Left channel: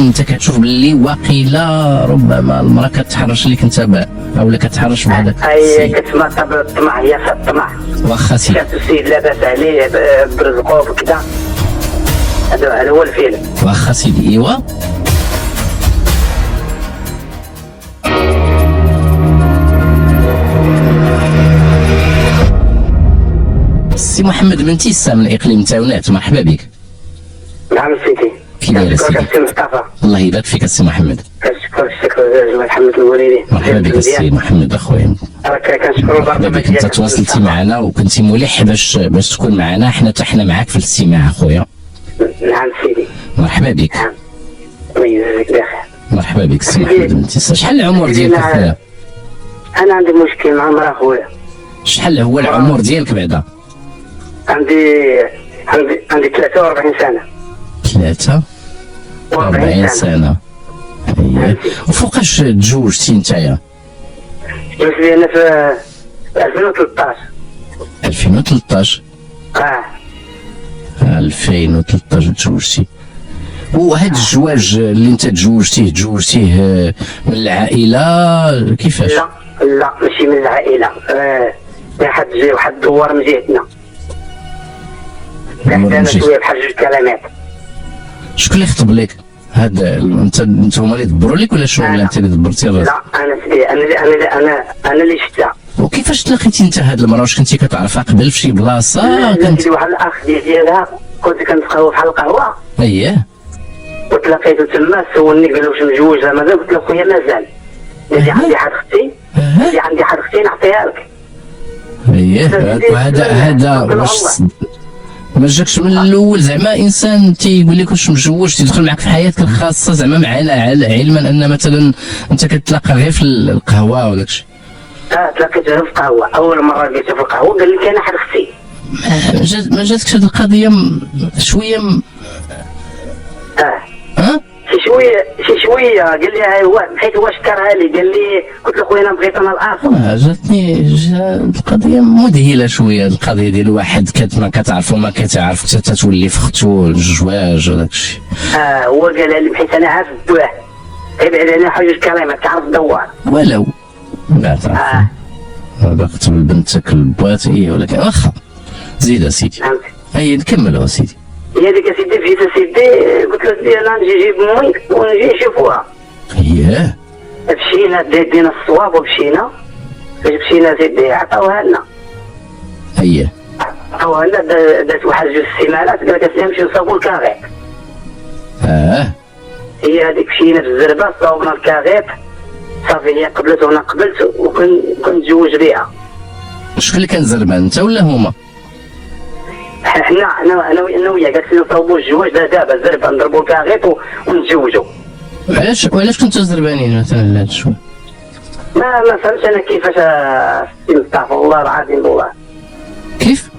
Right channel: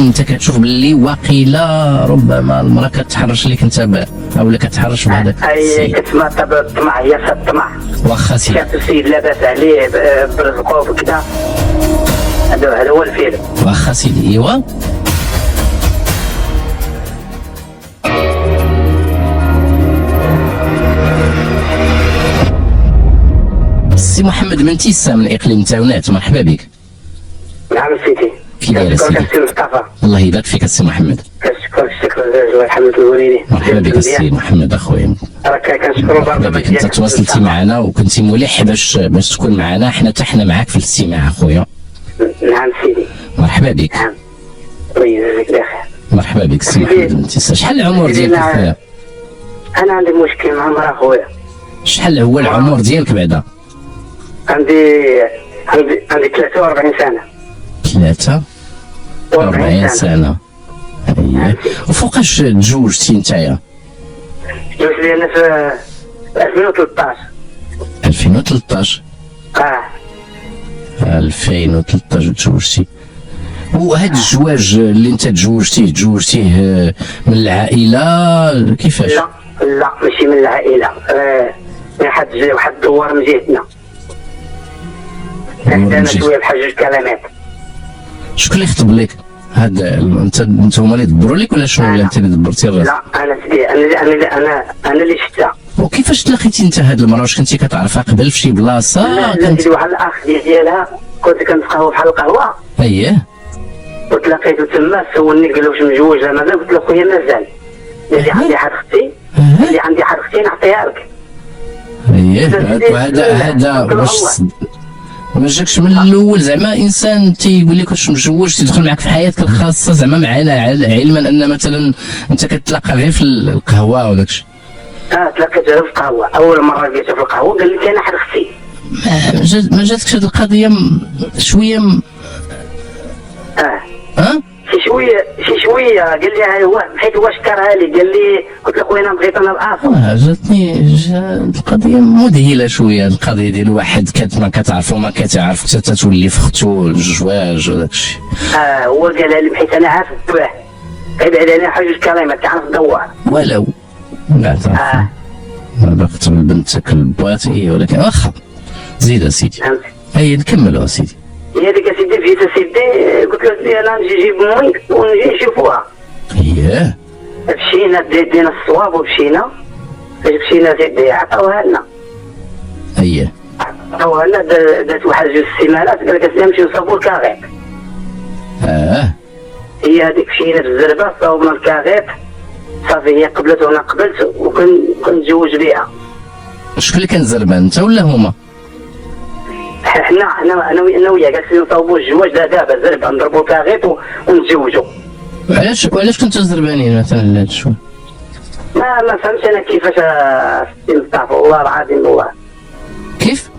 انت كتشوف باللي واقيلا ربما المراه كتحرش ليك انت اولا كتحرش بهذاك اي كتسمع طبع الطمع، هي فيها الطمع. واخا سيدي شاف السيد لاباس عليه برزقه وكذا، هذا هو الفيلم. واخا سيدي ايوا سي محمد من تيسا من اقليم تاونات، مرحبا بك. نعم سيدي. كي داير سيدي؟ كنشكر مصطفى. الله يبارك فيك السي محمد. كنشكر الشكر الله محمد الوليدي. مرحبا بك السي محمد اخويا. كنشكروا مرحبا بك، انت تواصلتي معنا وكنتي ملح باش تكون معنا، حنا معاك في الاستماع اخويا. نعم سيدي. مرحبا بك. نعم. الله يجزاك بخير. مرحبا بك السي محمد من تيسا. شحال العمر ديالك اخويا؟ انا عندي مشكل مع المراه خويا. شحال هو العمر ديالك بعدا؟ عندي 43 سنه. 43 سنه. اييه. وفوقاش تزوجتي نتايا؟ جوزت لي انا في 2013. 2013 2013 تزوجتي. وهذا الزواج اللي انت تزوجتيه من العائله كيفاش؟ لا ماشي من العائله، واحد الدوار من جهتنا. كان شويه بحال جوج كلمات. شكون اللي خطب لك؟ هذا انت هما اللي دبروا لك ولا شنو؟ ولا انت اللي دبرتي الراس؟ لا انا سيدي، انا اللي شفتها. وكيفاش تلاقيتي انت هاد المراه؟ واش كنتي كتعرفها قبل في شي بلاصه؟ كنت واحد الاخ ديالها، كنت كنلقاو بحال القهوه. اييه. وتلاقيته تما، سولني قال له واش مجوج ولا مازال؟ قلت له خويا مازال. قال لي عندي حد اختي، نعطيها لك. اييه. هذا واش ما جاكش من الاول زعما انسان تيقول لك واش مجوج تيدخل معك في حياتك الخاصه زعما معنا، علما ان مثلا انت كتلاقى غير في القهوه وداك الشيء؟ تلاقيت غير في القهوه، اول مره لقيته في القهوه قال لي كاين حد اختي. ما جاتكش هذه القضيه شويه شي شويه قال لي حيت هو شكرها لي، قال لي قلت له خويا انا بغيت انا الاصل. جاتني القضيه مذهله شويه، القضيه ديال واحد ما كتعرفو ما كتعرف حتى تولي في اختو الزواج وداك الشيء. هو قالها لي بحيث انا عارف الدواء، ابعد علينا حاجه كلمات تعرف دوار ولو لا تعرف. هذا قتل بنتك البوات هي، ولكن واخا زيد سيدي. اي نكملوا سيدي. هي ديك اسيدي جيت اسيدي، قلت له سيدي انا نجي نجيب امي ونجي نشوفوها. اييه. مشينا دينا الصواب ومشينا، فاش مشينا سيدي عطاوها لنا. اييه. عطاوها لنا، دات واحد جوج سيمانات، قال لك اسيدي نمشيو نصاوبو الكاغيط. هي هذيك مشينا في الزربه صاوبنا الكاغيط، صافي هي قبلت وانا قبلت وكنتزوج بها. شكون اللي كان زربان، انت ولا هما؟ انا وياه جالسين نصاوبوا الزواج دابا زربه نضربوا الكاغيط ونتزوجوا. وعلاش كنتو زربانين مثلا لهذا الشيء؟ ما فهمتش انا كيفاش استغفر الله العظيم. هو كيف؟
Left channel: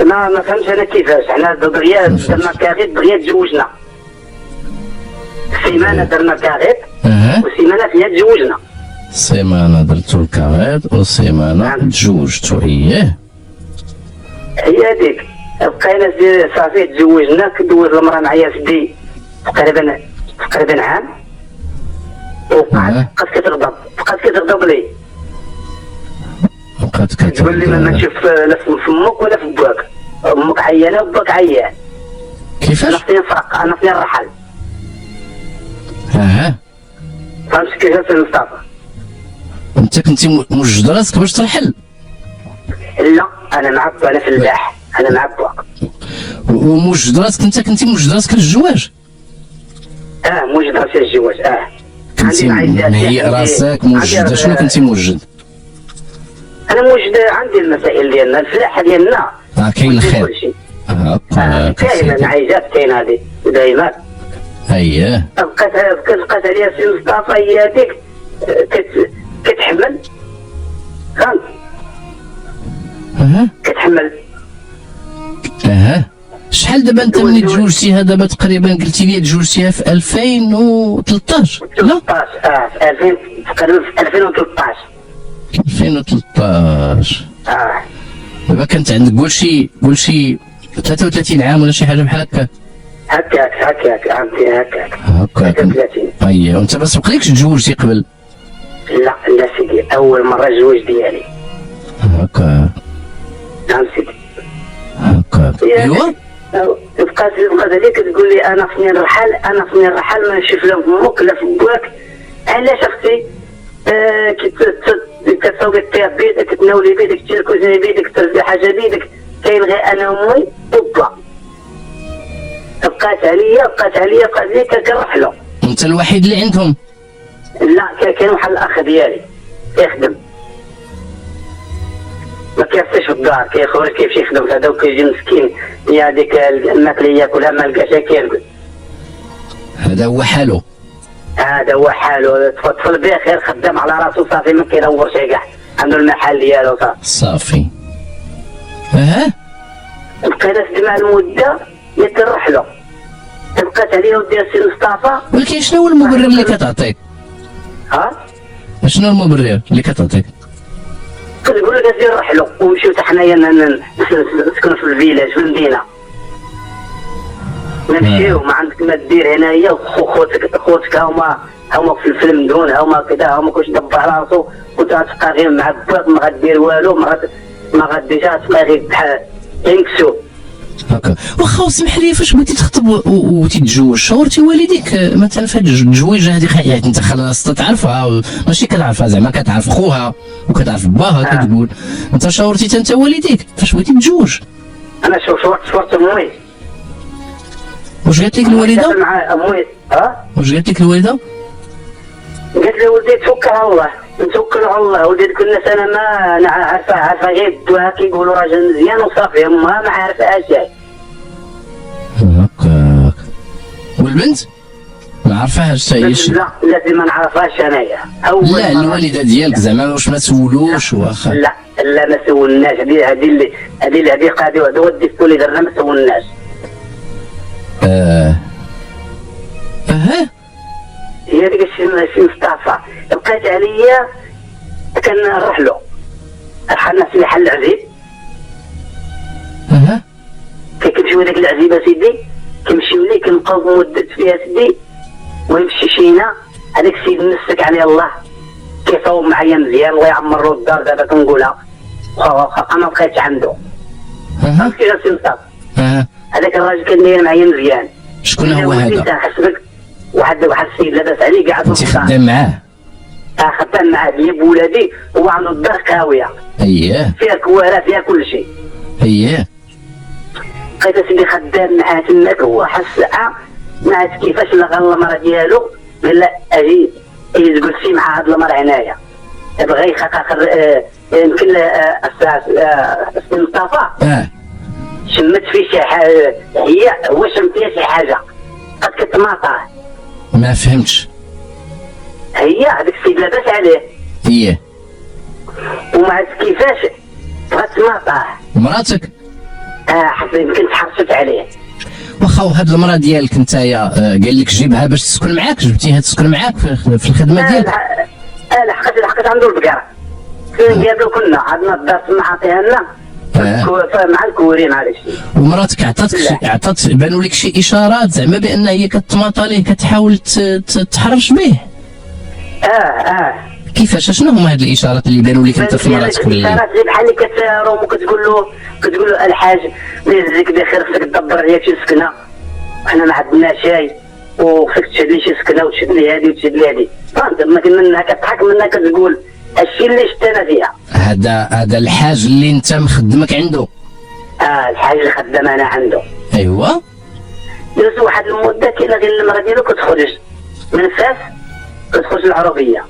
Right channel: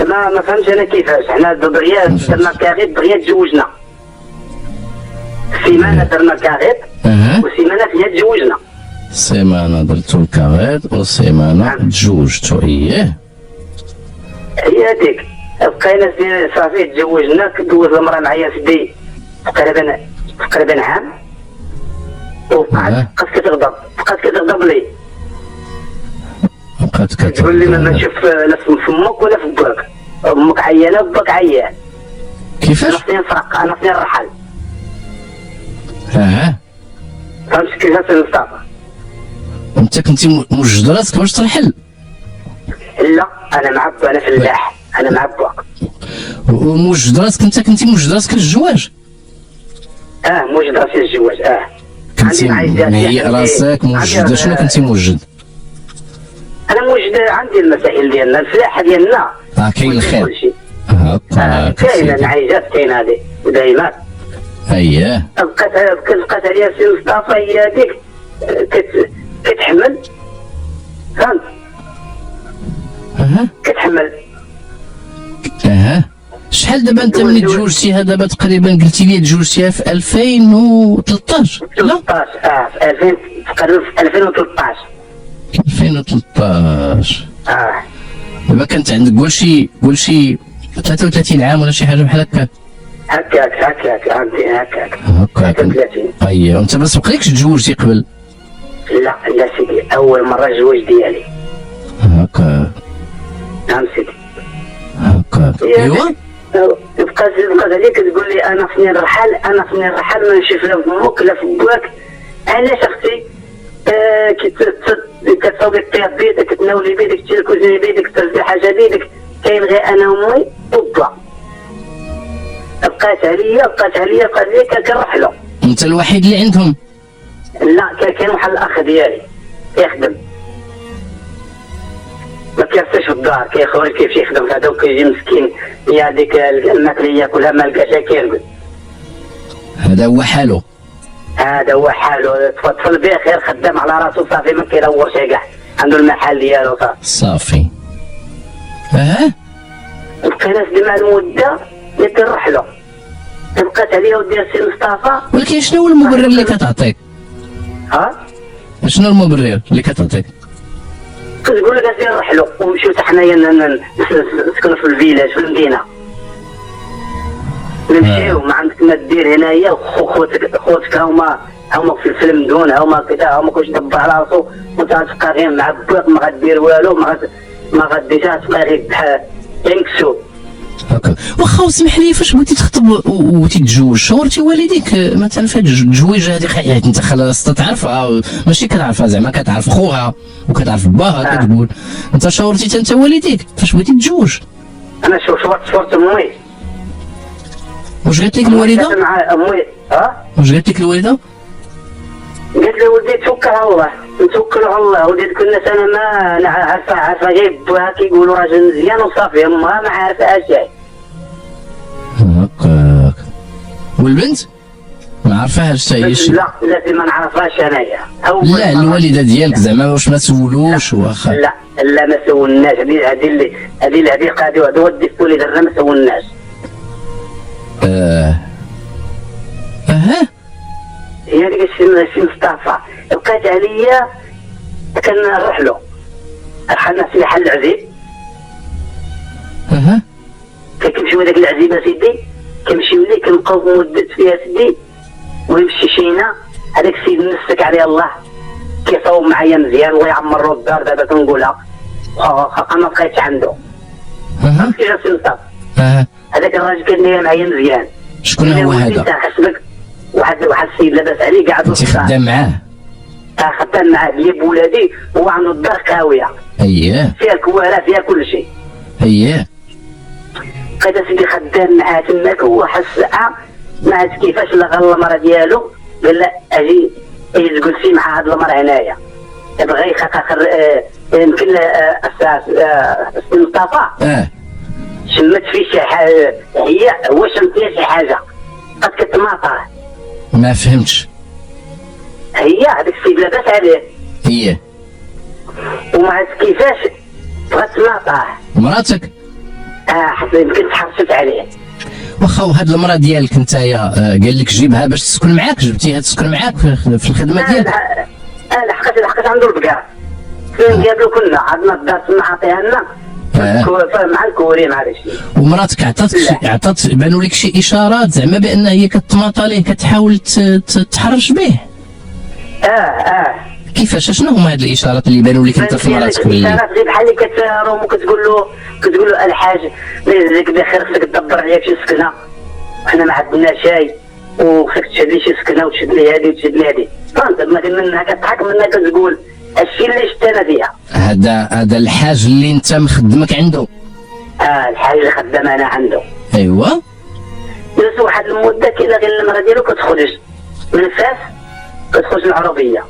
ما فهمتش انا كيفاش. حنا دغيا درنا الكاغيط دغيا تزوجنا. سيمانه درنا الكاغيط وسيمانه فيها تزوجنا. سيمانه درتو الكاغيط وسيمانه تزوجتو. اييه. هي هذيك بقينا صافي تزوجنا. دوز المراه معايا سيدي تقريبا عام، وبقات كتغضب لي. تقول لي ما نشوف لا في فمك ولا في باك، امك عيانه وباك عيان. كيفاش؟ خصني نفرق، انا خصني نرحل. فهمت كيفاش مصطفى؟ انت كنتي موجد راسك باش ترحل؟ لا انا معبى، انا فلاح، انا معبى. وموجد راسك انت كنتي موجد راسك للزواج؟ موجد راسي للزواج. كنتي مهيئ راسك موجد؟ شنو كنتي موجد؟ انا موجد عندي المسائل ديالنا، الفلاحه ديالنا كاين الخير. كاين العيجات، كاين هذه دايما. اييه. بقات عليا سي مصطفى هي هذيك كتحمل، فهمت؟ كتحمل. شحال دابا انت ملي تزوجتيها؟ دابا تقريبا قلتي لي تزوجتيها في 2013 لا؟ في 2000 تقريبا في 2013. 2013. دابا كانت عندك قول شي 33 عام ولا شي حاجه بحال هكا؟ هكاك هكاك. 33. اييه، وانت ما سبقلكش تزوجتي قبل؟ لا سيدي، اول مره الزواج ديالي. هكا. نعم سيدي. هكا. ايوا. بقات عليك تقول لي انا فين الرحل، ما نشوف لا فمك لا في بواك. علاش اختي؟ كتصوبي فيها بيدك، تناولي بيدك، تشركوزي بيدك، ترزي حاجه بيدك، كاين غير انا وامي وبا. بقات عليا كنرحلو. انت الوحيد اللي عندهم؟ لا، كاين واحد الاخ ديالي يخدم، ما كيعطيش في الدار، كاين خويا كيمشي يخدم في هذا وكيجي مسكين، يا هذيك الماكله ياكلها ما لقاش كيرقد. هذا هو حاله. تفضل بخير، خدام على راسو صافي، ما كيدورش كاع، عنده المحل ديالو صافي. بقينا سيدي مع المده اللي كنرحلو، بقات عليا ودي السي مصطفى. ولكن شنو هو المبرر اللي كتعطيك؟ شنو المبرر اللي كتعطيك؟ كتقول لك اسير نرحلو ونمشيو حتى حنايا نسكنوا في الفيلاج في المدينه، نمشيو ما عندك ما دير هنايا، خوتك هما في المدون، هما كذا، هما كلشي دبر على راسو، وانت غتبقى غير معبط، ما غدير والو، ما غديش، غتبقى غير بحال مكسوب. هكا. واخا اسمح لي، فاش بغيتي تخطب وتتزوج شاورتي والديك مثلا في هاد التزويجه هذه؟ حياتك انت خلاص تعرفها، ماشي كتعرفها زعما، كتعرف خوها وكتعرف باها، كتقول انت شاورتي انت والديك فاش بغيتي تتزوج؟ انا شورت امي. واش قالت لك الوالده؟ مع امي. واش قالت لك الوالده؟ قالت لي ولدي توكل على الله، نتوكلوا على الله، ولدي ديك الناس انا ما عارفه غير بوها كيقولوا راجل مزيان وصافي، امها ما عارفاش شي. هكاك. والبنت ما عارفاهاش حتى هي؟ لا ما نعرفهاش انايا. لا الوالده ديالك زعما واش ما سولوش؟ واخا لا ما سولناش، هذه قاعده وهذا ودي في وليد ما سولناش. هي ديك الشي مصطفى بقات عليا، كنروح له رحلنا في محل العزيز. كنمشيو لذاك العزيز سيدي، كنمشيو ليه كنبقاو مدة فيها سيدي، ويمشي شينا هذاك السيد نسك عليه الله، كيصوب معايا مزيان، الله يعمر الدار دابا كنقولها، واخا ما بقيتش عنده. فهمتي يا سي مصطفى؟ هذاك الراجل كان معايا مزيان. شكون هو هذا؟ واحد السيد لاباس عليه قاعد انت خدام معاه؟ خدام معاه، هي بولادي، هو عنده الدار قاويه. فيها كواره، فيها كل شيء. بقيت سيدي خدام معاه تماك، هو واحد الساعه ما عرفت كيفاش لغى المراه ديالو، قال لا اجي جلسي مع هاد المراه هنايا، بغى يخاطر يمكن السي مصطفى شمت فيه شي حاجه، هو شم فيها شي حاجه، قد كتماطى. ما فهمتش. هي هذاك السيد لاباس عليه، وما عرفت كيفاش غتماطى مراتك. حتى يمكن تحرشت عليه. واخا وهاد المراه ديالك نتايا قال لك جيبها باش تسكن معاك، جبتيها تسكن معاك في الخدمه ديالك؟ لحقت عنده البقره، جابلو كنا عندنا الدار تما عطيها لنا مع الكوري مع داكشي. ومراتك عطات بانوا لك شي اشارات زعما بان هي كتماطى ليه، كتحاول تحرش به؟ كيفاش؟ شنو هما هاد الاشارات اللي بانوا لك انت في مراتك؟ الاشارات غير بحال اللي كتروم وكتقول له الحاج يجزيك بخير، خصك تدبر عليا شي سكنه، حنا ما عندنا شاي، وخصك تشد لي شي سكنه وتشد لي هادي وتشد لي هادي. منها كتضحك، منها كتقول الشيء اللي شفت انا فيها. هذا الحاج اللي انت مخدمك عنده؟ الحاج اللي خدام انا عنده. ايوا. درت واحد المده كاينه غير المراه ديالو كتخرج من فاس، كتخرج العربيه،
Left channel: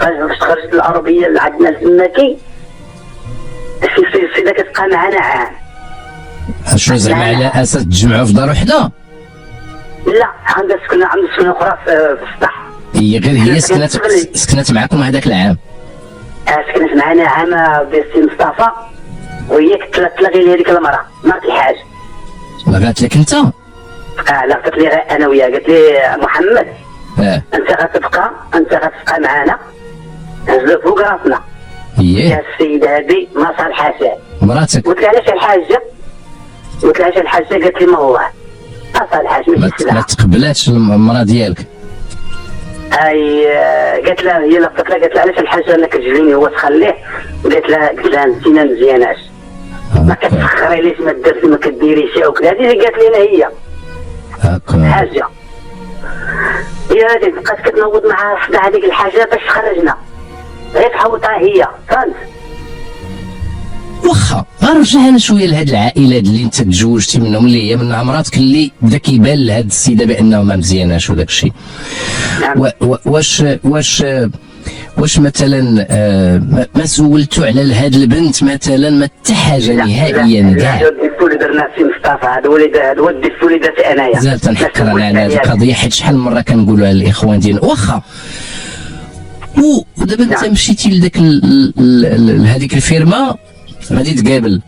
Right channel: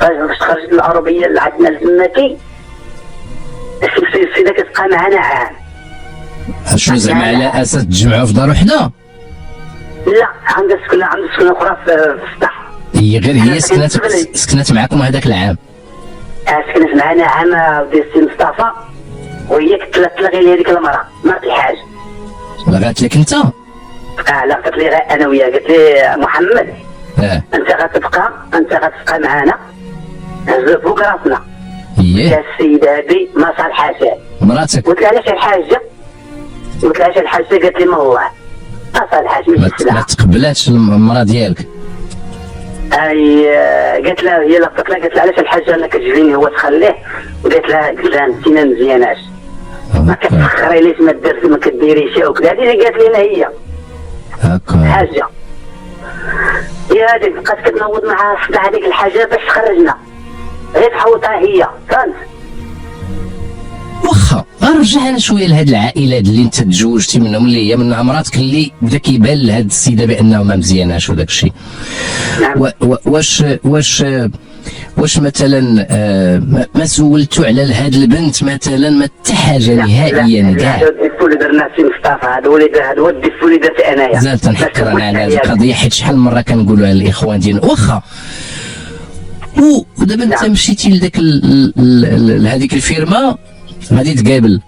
باش تخرج العربيه اللي عندنا الزماكي، السيده كتبقى معنا عام. شنو زعما على اساس تجمعوا في دار وحده؟ لا، عندها سكنه اخرى في السطح. غير سكنت معكم هذاك العام؟ سكنت معنا عام بالسي مصطفى، وهي كتلغي لي هذيك المراه، مرات الحاج. لغات لك انت؟ لغت لي انا وياه، قالت لي محمد انت غتبقى معنا، هزها فوق راسنا. يا السيده هذه ما صالحاش مراتك. قلت لها علاش الحاجه؟ قالت لي ما الله صالحاش ما ماشي سلعه. تقبلاتش المراه ديالك؟ اي قالت لها هي لقطت لها قالت لها علاش الحاجه انا كتجريني هو تخليه. قالت لها انت ما مزياناش ما كتسخرينيش ما درت ما كديريش او كذا. هذه اللي قالت لنا هي هكا حاجه. يا هذيك بقات كتنوض معها صداع هذيك الحاجه باش خرجنا غير تحوطها هي فهمت. واخا نرجع انا شويه لهاد العائلات اللي انت تزوجتي منهم اللي هي من مراتك اللي بدا كيبان لهاد السيده بانها ما مزياناش وداك الشيء. نعم. واش مثلا ما سولتوا على هاد البنت مثلا ما حتى حاجه نهائيا كاع؟ هذا الديفو اللي درنا سي مصطفى هذا هو الديفو اللي درت انايا. زاد تنحكر انا على هذه القضيه حيت شحال من مره كنقولها للاخوان ديالنا واخا. ودابا انت مشيتي لذاك لهذيك الفيرما غادي تقابل،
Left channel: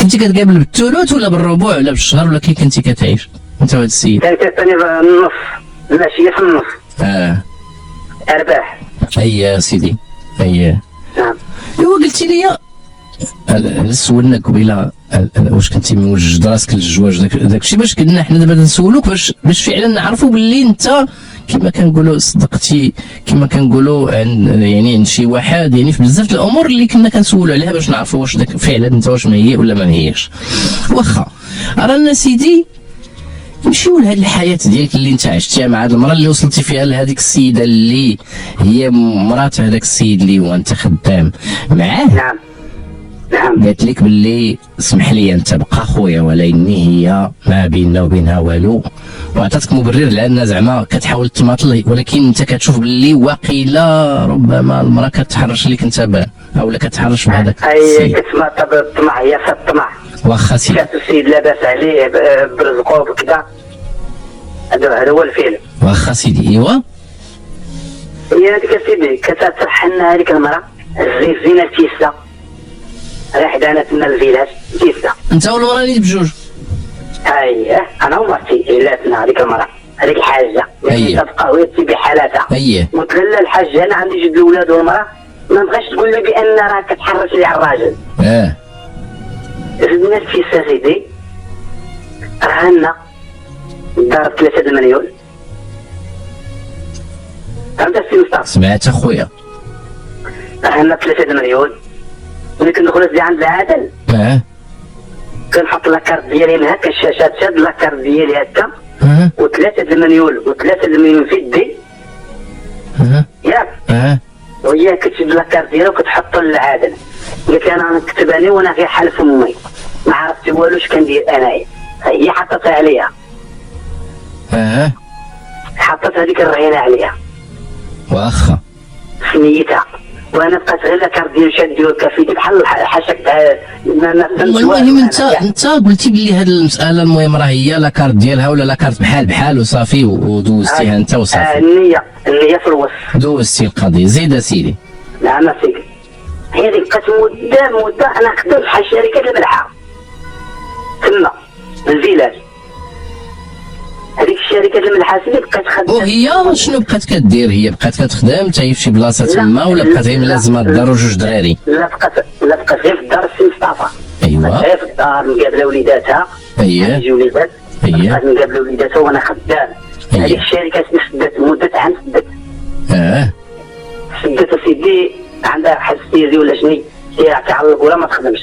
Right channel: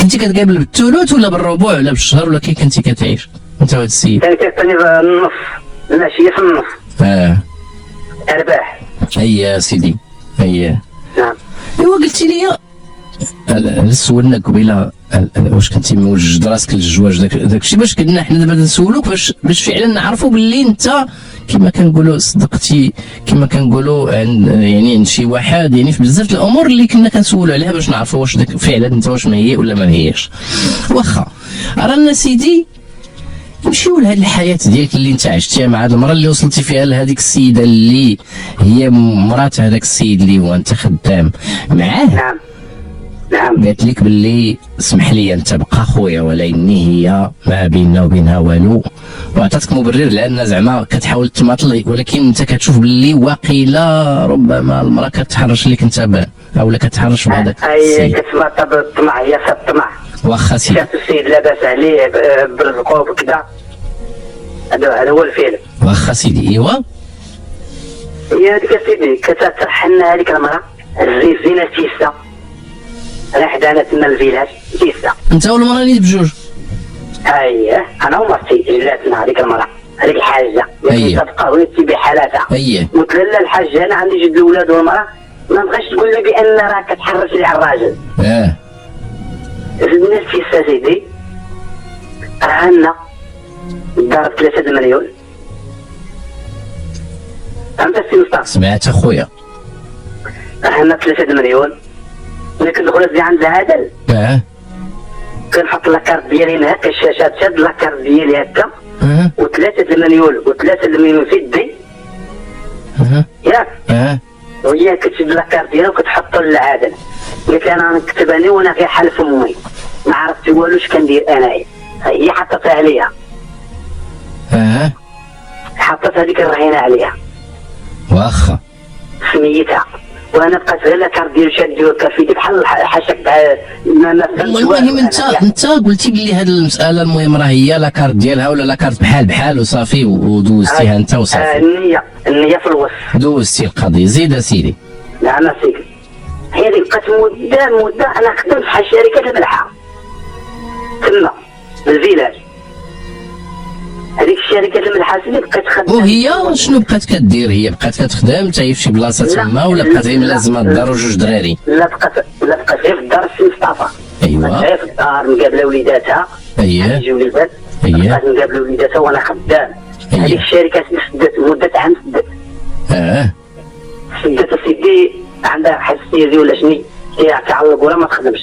كنتي كتقابل بالثلث ولا بالربع ولا بالشهر ولا كي كنتي كتعيش انت وهذا السيد؟ كان كيعطيني النص ماشي في النص. ارباح. هيا سيدي هيا. نعم. ايوا قلتي لي سولنا قبيله واش كنتي موجد راسك للزواج داك الشيء باش قلنا حنا دابا نسولوك باش فعلا نعرفوا باللي انت كما كنقولوا صدقتي كما كنقولوا عند شي واحد يعني في بزاف الامور اللي كنا كنسولوا عليها باش نعرفوا واش داك فعلا انت واش مهيئ ولا ما مهيئش. واخا رانا سيدي نمشيو لهاد الحياه ديالك اللي انت عشتيها مع هاد المراه اللي وصلتي فيها لهاديك السيده اللي هي مرات هذاك السيد اللي هو انت خدام معاه. نعم. نعم. قالت لك باللي اسمح لي انت بقى خويا ولكني هي ما بيننا وبينها والو، وعطاتك مبرر لان زعما كتحاول تماطل، ولكن انت كتشوف باللي واقيلا ربما المراه كتحرش لك انت او لا كتحرش بهذاك السيد. هي كتماطل بالطمع، هي في الطمع. واخا سيدي. شافت السيد لاباس عليه برزقو وكذا. هذا هو الفيلم. واخا سيدي. ايوا هي هذيك السيدي كتطرح لنا هذيك المراه الريزينه تيسا راه حدانا تما الفيلاج تيسا. انت والمراه اللي بجوج؟ اييه انا ومرتي ولاتنا هذيك المراه هذيك الحاجه تبقى وهي تبي حالاتها. قلت لها الحاجه انا عندي جوج الاولاد والمراه ما بغاش تقول لي بان راه كتحرش لي على الراجل. زدنا الفيسا سيدي رهنا ضرب 3 مليون. فهمت السي مصطفى؟ سمعت اخويا. رهنا 3 مليون ملي كندخل نزي عند العادل كنحط لاكارت ديالي من هكا الشاشات شاد لاكارت ديالي هكا و3 مليون في يدي ياك وهي كتشد لاكارت ديالها وكتحطو للعادل. قلت لها انا نكتب انا وانا في حل فمي ما عرفت والو اش كندير انايا. هي حطتها عليا حطت هذيك الرهينه عليها واخا سميتها وانا بقيت غير لاكارت ديال شادي وكافيتي بحال حاشاك ما المهم انت قلتي بلي هذه المساله المهم راه هي لاكارت ديالها ولا لاكارت بحال وصافي ودوزتيها انت وصافي. النية في الوسط دوزتي القضيه. زيد اسيدي. نعم سيدي. هذه بقات مده انا خدمت بحال شركه الملحه تما الفيلاج. هذيك الشركه الملحه سيدي بقات خدامه. وهي شنو بقات كدير؟ هي بقات كتخدم حتى هي في شي بلاصه تما ولا بقات هي ملازمه الدار وجوج دراري؟ لا بقات غير في الدار السي مصطفى. ايوا غير في الدار مقابله وليداتها. اييه وليدات. بقات مقابله وليداتها وانا خدام. هذيك الشركه سدات مده عام سدات. سدات سيدي عندها حساسيه ولا شني هي تعلق ولا ما تخدمش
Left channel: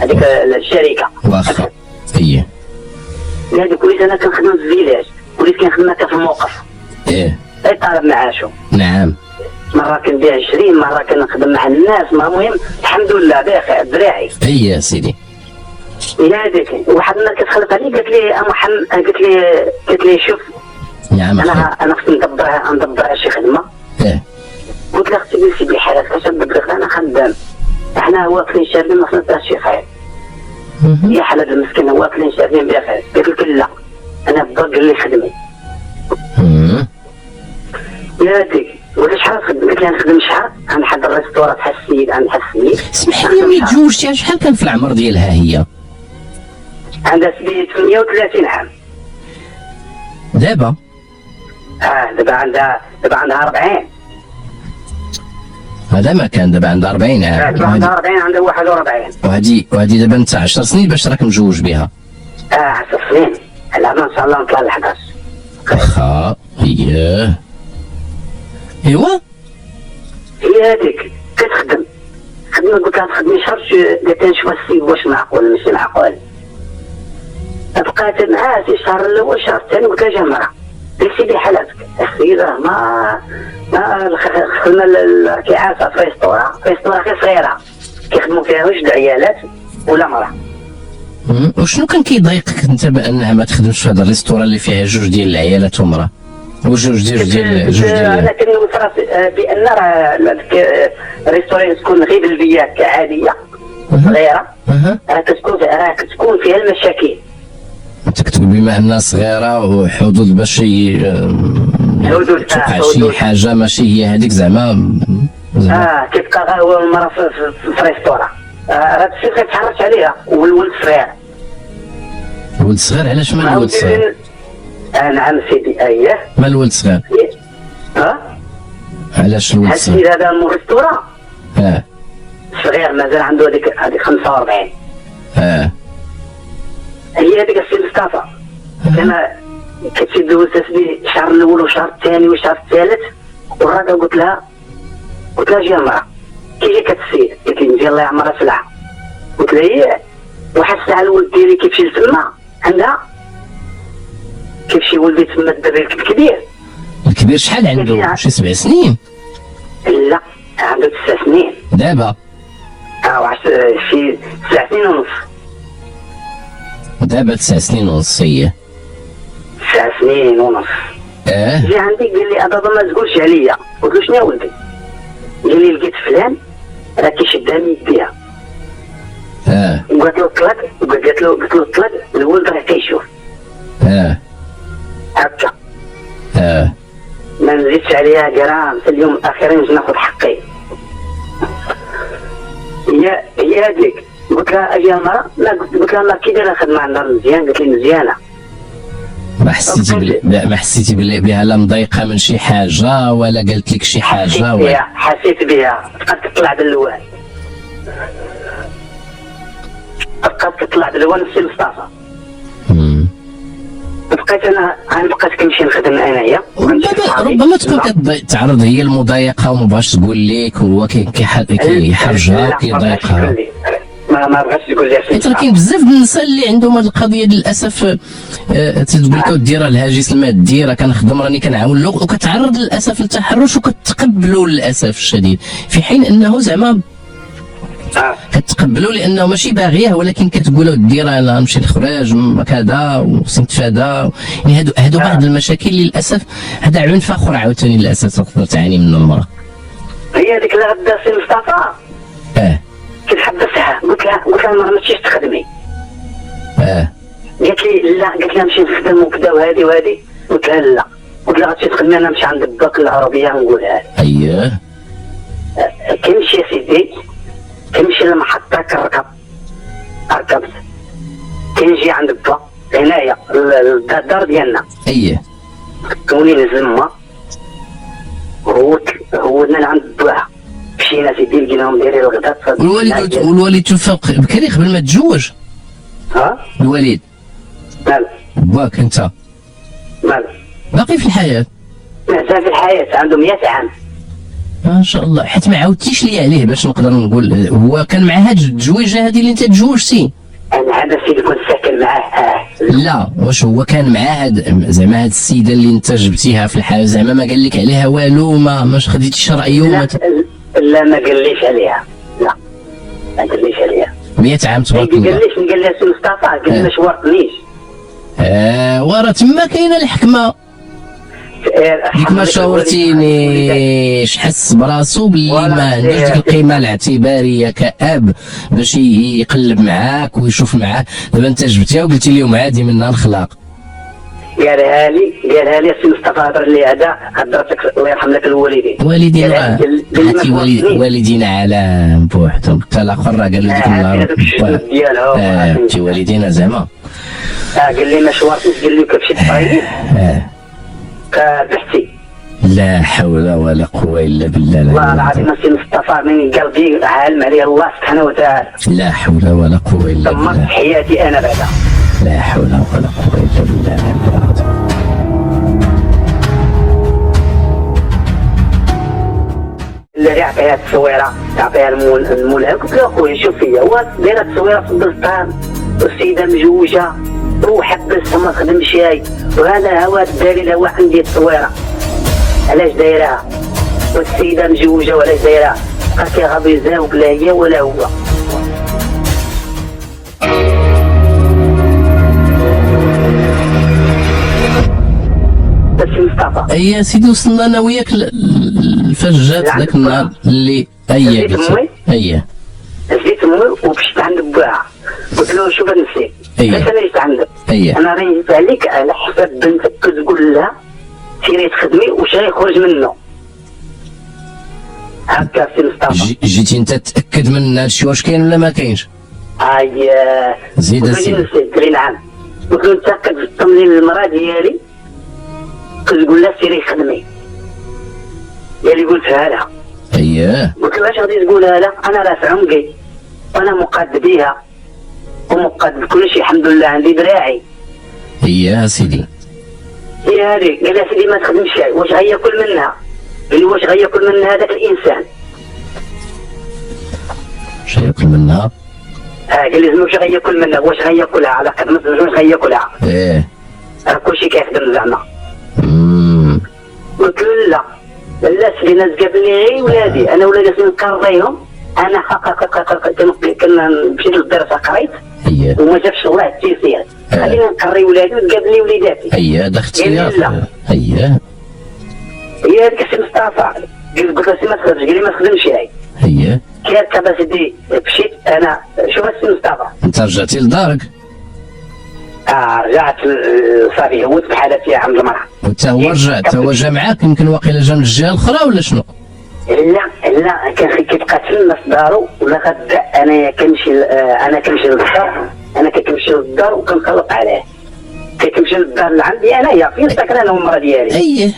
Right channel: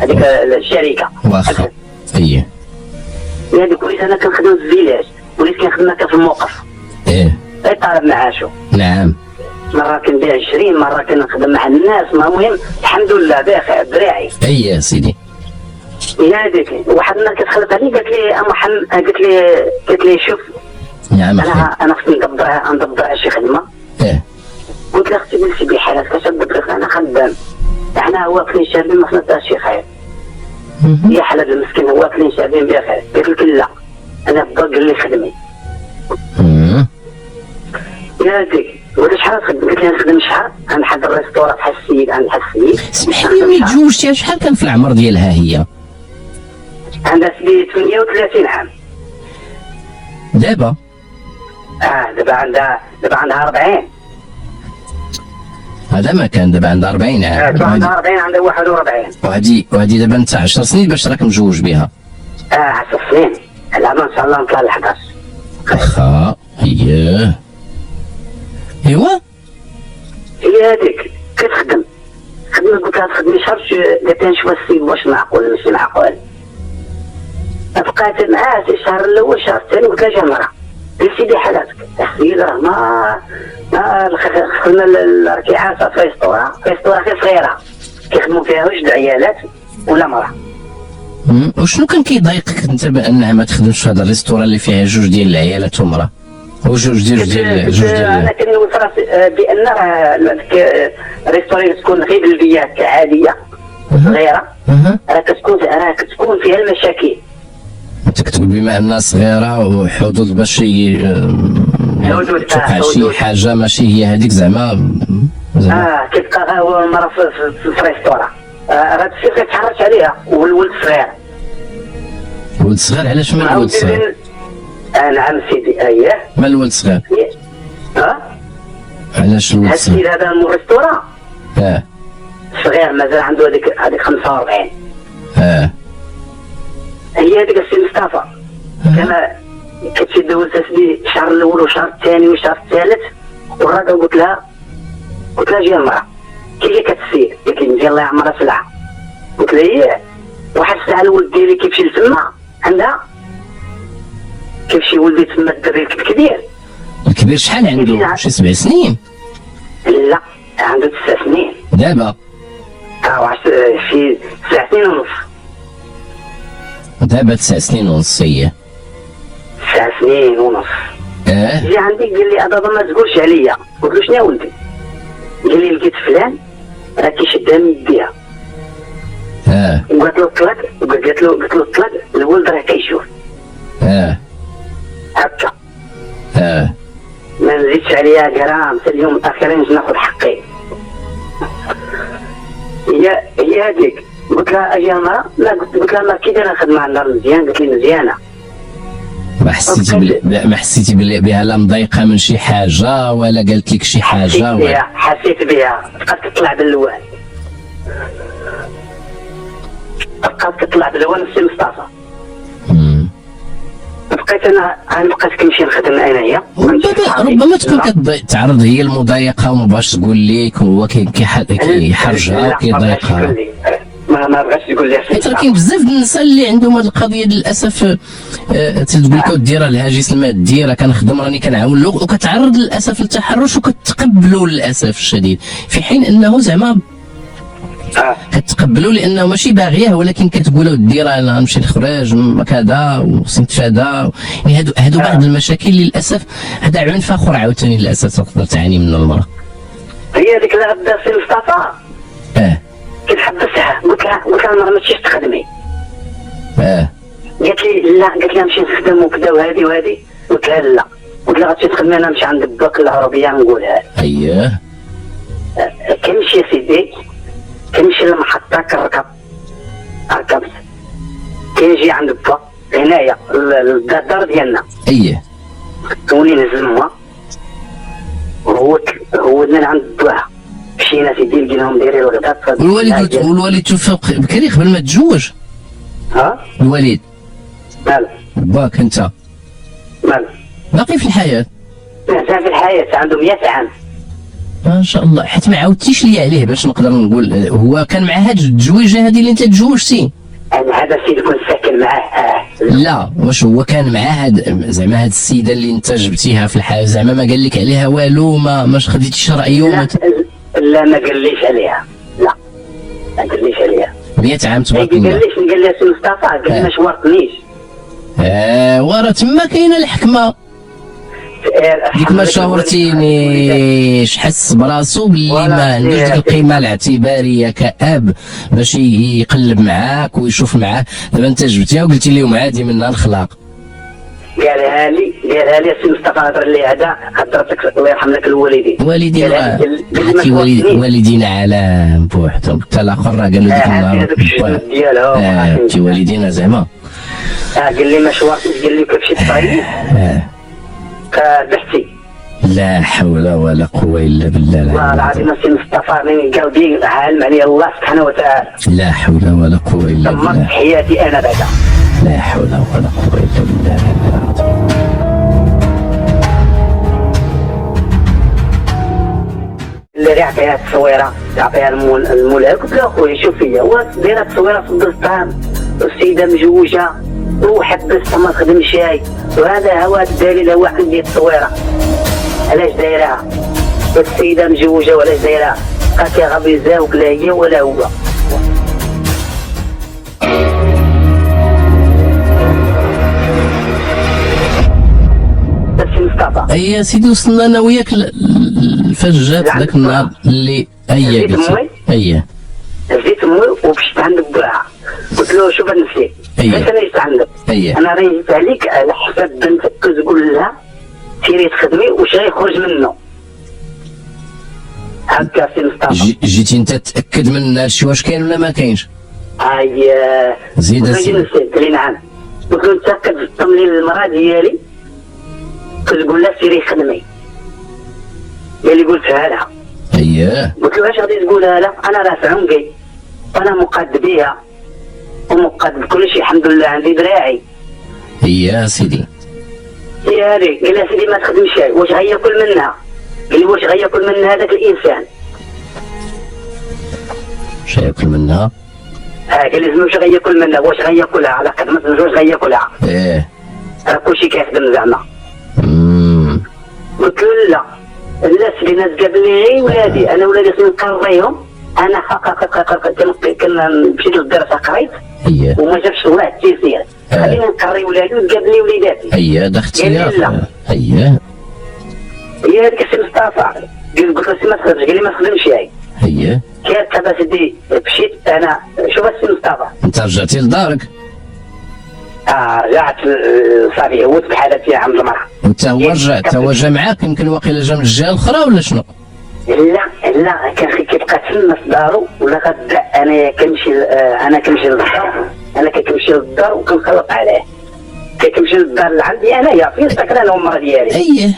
هذيك الشركه. واخا اييه. هذيك وليت انا كنخدم في الفيلاج وليت كنخدم هكا في الموقف. اي طالب معاشو. نعم. مرة كنبيع 20 مرة كنخدم مع الناس. المهم الحمد لله بخير دراعي. اي سيدي. هذيك واحد النهار كتخلف علي قالت لي محمد قالت لي شوف. نعم انا خصني ندبر شي خدمة. قلت لها اختي نسي بلي حالك اش ندبر انا خدام. احنا واكلين شاربين ما خلصناش شي خير. هي حالة المسكينة واكلين شاربين بخير. قلت لك لا انا بدور قال لي خدمي. هذيك قلت شحال خدمت لي نخدم شحال غنحضر ريستورات بحال السيد عند بحال السيد. اسمح لي ملي تزوجتيها شحال كان في العمر ديالها هي؟ عندها 38 عام. دابا؟ دابا عندها 40. هذا ما كان دابا عندها 40 عام. دابا عندها 40 عندها 41. وهذه دابا انت 10 سنين باش راك مجوج بها. 10 سنين. على ما ان شاء الله نطلع ل11. واخا اييه ايوا هي هذيك كتخدم خدمه، قلت لها تخدمي شهر، قالت لي نشوف السيد واش معقول ماشي معقول. بقات معاه في الشهر الاول الشهر الثاني، قلت لها جا المراه قلت سيدي حالاتك السيده ما خدمنا الركيعات في اسطوره غير صغيره كيخدموا فيها وجد عيالات ولا مراه. وشنو كان كيضايقك انت بانها ما تخدمش في هذا الريستوران اللي فيها جوج ديال العيالات ومراه وجوج ديال انا كنوصل راسي بان راه الريستوران تكون غير بالبيات عاديه صغيره، كتكون فيها المشاكل. انت كتقول بما انها صغيره وحدود باش توقع شي حاجه ماشي هي هذيك زعما كيبقى هو المراه في الريستوران، هذا الشيء كيتحرج عليها. والولد صغير. الولد صغير علاش ما الولد صغير؟ نعم سيدي اييه ما الولد صغير؟ علاش الولد صغير؟ السيد هذا من الريستوران صغير مازال عنده هذيك 45. هي هذيك السي مصطفى كما كتشد تسبي الشهر الاول والشهر الثاني والشهر الثالث، والراجل قلت لها جي المراه كي جا كتسيد قالت لي نجي الله يعمرها سلعه. قلت لها ايه، واحد الساعه الولد ديالي كيمشي لتما عندها كيمشي ولدي تما الدري الكبير. الكبير شحال عنده؟ شي 7 سنين؟ لا عنده 9 سنين دابا. شي 9 سنين ونص دابا 9 سنين ونص. هي 9 سنين ونص. جي عندي قال لي بابا ما تقولش عليا. قلت له شنو ولدي؟ قال لي لقيت فلان راه كيشدها من يديها. وقالت له طلق، قلت له طلق الولد راه كيشوف. هكا ما نزيدش عليها كرام. في اليوم الاخير نجي ناخذ حقي. هي هذيك قلت لها اجي المراه، لا قلت لها ما كي دايره الخدمه عندها مزيان؟ قالت لي مزيانه. ما حسيتي بها لا مضايقه من شي حاجه ولا قالت لك شي حاجه؟ حسيت بها. بقات تطلع باللوان، السي مصطفى. بقيت انا بقيت كنمشي نخدم انايا. ربما تكون كتعرض هي المضايقه وما بغاش تقول لك، هو كيحرجها وكيضايقها. ما بغاش يقول لي. حيت راه كاين بزاف ديال النساء اللي عندهم هذه القضيه للاسف، تقول لك اودي راه الهاجس المادي راه كنخدم راني كنعاون له، وكتعرض للاسف للتحرش وكتقبلوا للاسف الشديد، في حين انه زعما كتقبلوا لانه ماشي باغيه، ولكن كتقول ودي راه انا نمشي نخرج كذا وخصني نتفادى. يعني هادو بعض المشاكل اللي للاسف هذا عنف اخر عاوتاني للاسف تقدر تعاني منه المراه. هي هذيك اللي بدا السي مصطفى كتحبسها. قلت لها المراه ما تمشيش تخدمي. قالت لي لا، قالت لي نمشي نخدم وكذا وهذه. قلت لها لا، قلت لها غتمشي تخدمي انا نمشي عند باك العربيه نقولها. كنمشي يا سيدي، كنمشي للمحطه ركبت كنجي عند با هنايا الدار ديالنا. كوني نهز الماء هو من عند باها. مشينا سيدي لقيناهم دايرين الغداء. والوالد توفى بكري قبل ما تتزوج؟ الوالد مال باك انت مال باقي في الحياه؟ مازال في الحياه، عنده 100 عام ما شاء الله. حيت ما عاودتيش لي عليه باش نقدر نقول هو كان مع هاد التزويجه هذه اللي انت تزوجتي؟ انا هذا السيد كنت ساكن معاه. لا واش هو كان مع هاد زعما هاد السيده اللي انت جبتيها في الحياه زعما ما قال لك عليها والو؟ ما خديتيش رايه؟ لا ما قاليش عليها. لا ما قاليش عليها. 100 عام تبارك الله. قال لي سي مصطفى قال لي ما شورتنيش. وراه تما كاينه الحكمه. ديك ما شاورتينيش، حس براسو باللي ما عندوش ديك القيمه الاعتباريه كأب باش يقلب معاك ويشوف معاك. دابا انت جبتيها وقلتي لهم عادي منها الخلاق. قالها لي سي مصطفى هضر لي هذا هضرتك الله يرحم لك الوالدين. الوالدين حتى والدينا على بوحدهم، حتى الاخر راه قال له ديك النهار حتى والدينا زعما قال لي ما شورتيش، قال لي كتمشي تصايب بحثي. لا حول ولا قوة إلا بالله. والله العظيم سي مصطفى من قلبي عالم علي الله سبحانه وتعالى. لا حول ولا قوة إلا بالله. دمرت حياتي أنا بعدا. لا حول ولا قوة إلا بالله. الدري عطيها التصويره تعطيها المولى. قلت له اخويا شوف فيا هو دايره التصويره في الدار والسيده مجوجه وحبس ما خدمش شاي وهذا هو الدليل هو عندي التصويره علاش دايرها والسيده مجوجه وعلاش دايرها قالت يا غبي زاوك لا هي ولا هو. هي سيدي وصلنا انا وياك فاش جات ذاك النهار اللي هي جيت امي ومشيت عند باها قلت له شوف نسيت انا جيت عندك انا راه جيت عليك على حساب بنتك كتقول لها سيري تخدمي واش غيخرج منه هكا سي مصطفى. جيتي انت تاكد من هذا الشيء واش كاين ولا ما كاينش؟ زيد اسيدي. قلت لي نعم. قلت له انت كتطمني للمراه ديالي كتقول لها سيري خدمي هي اللي قلتها لها. قلت له اش غادي تقولها لها؟ انا راه في عمقي وانا مقاد بيها ومقاد بكل شيء الحمد لله عندي دراعي. سيدي هي هذيك قال لها سيدي ما تخدمش شيء واش غياكل منها؟ قال لي واش غياكل منها هذاك الانسان؟ واش غياكل منها؟ قال لي واش غياكل منها واش غياكلها على قد ما واش غياكلها؟ راه كلشي كيخدم زعما. قلت له لا سيدي الناس قابلني غير ولادي انا ولادي نقريهم انا مشيت للدرس قريت وما جابش الله التيسير خلينا نقري ولادي ونقابلني وليداتي. هذا اختيار. هي هذيك السي مصطفى قلت له سي ما تخدمش قال لي ما تخدمش هي كيف سيدي مشيت انا شوف السي مصطفى انت رجعتي لدارك؟ رجعت صافي هوت بحالتي عند المرأة. وانت هو رجع تا هو جا معاك يمكن واقيلا جا من الجهه الاخرى ولا شنو؟ لا كان كيبقى تما في دارو ولا غدا انا كنمشي للدار انا كنمشي للدار وكنخلط عليه كنمشي للدار اللي عندي انايا فين ساكن انا والمرأة ديالي.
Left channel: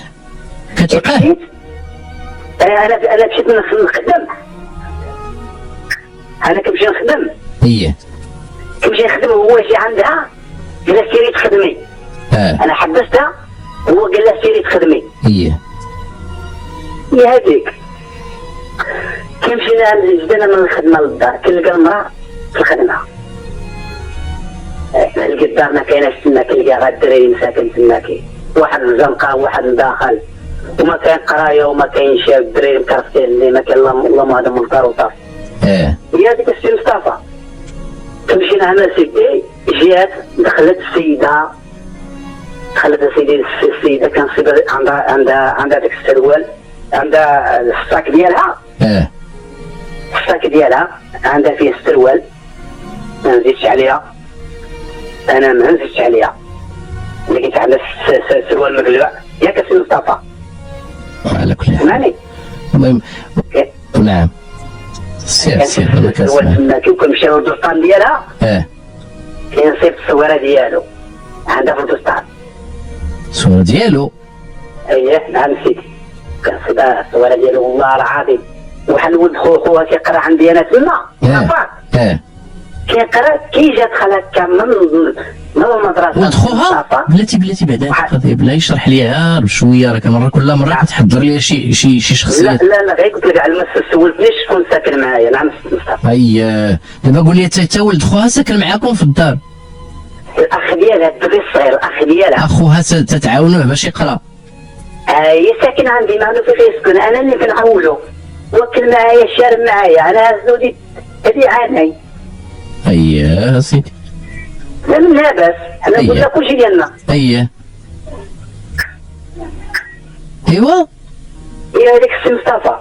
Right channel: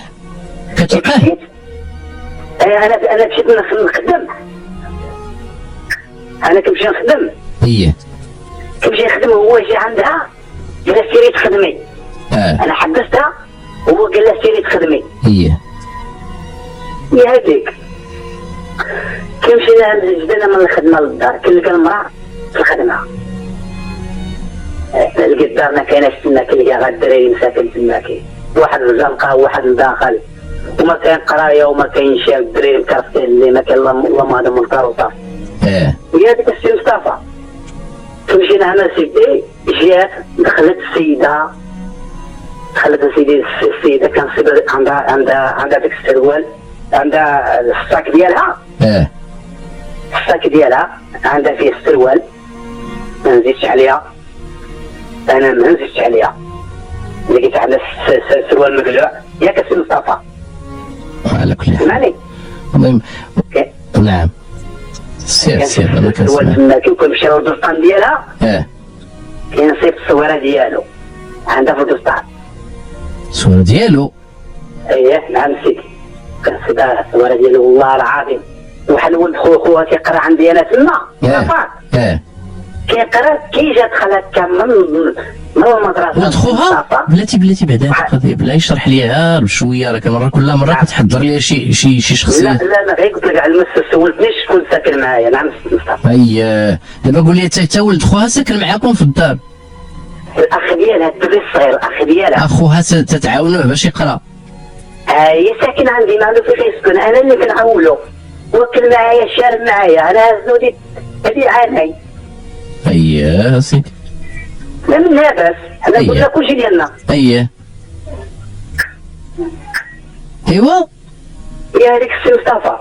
كتلقاه؟ انا مشيت نخدم انا كنمشي نخدم كنمشي نخدم وهو يجي عندها قال لها سيري تخدمي. انا حبستها وهو قال لها سيري تخدمي. هي هذيك كنمشي جدنا من الخدمه للدار كنلقى المراه في الخدمه لقيت الدار ما كايناش تما كنلقى غير الدراري مساكن تما واحد الزنقه وواحد الداخل وما كاين قرايه وما كاين شاب الدراري مكرفين اللي ما كاين اللهم هذا منكر وصافي. هي هذيك السي مصطفى مشينا انا سيدي جات دخلت السيده السيده كان عندها داك السروال عندها الصاك ديالها الصاك ديالها عندها فيه السروال ما نزيدش عليها انا ما نزيدش عليها لقيت على السروال مقلوع ياك السي مصطفى على كل حال. المهم نعم سير السروال تما كي كنمشي للدستان ديالها كينصيب الصويره ديالو عندها في الدستان الصويره ديالو. نعم سيدي كنصيب الصويره ديالو والله العظيم وحال ولد خوها كيقرا عندي انا تما كيقرا كي جات خالتها من المدرسه ولد خوها بلاتي بعدا القضيه بلا يشرح ليها بشويه راه كل مره كتحضر ليها شي شخصيات. لا غير قلت لك على المس سولتنيش شكون ساكن معايا. نعم مصطفى. دابا قول لي تا ولد خوها ساكن معاكم في الدار؟ الاخ ديالها الدري الصغير الاخ ديالها اخوها تتعاونوه باش يقرا. هي ساكن عندي ما عنده فين يسكن انا اللي كنعاونو وكل معايا شارب معايا انا هزودي هذه عاني. سيدي لا لاباس حنا قلنا كلشي ديالنا. ايوا هي هذيك السي مصطفى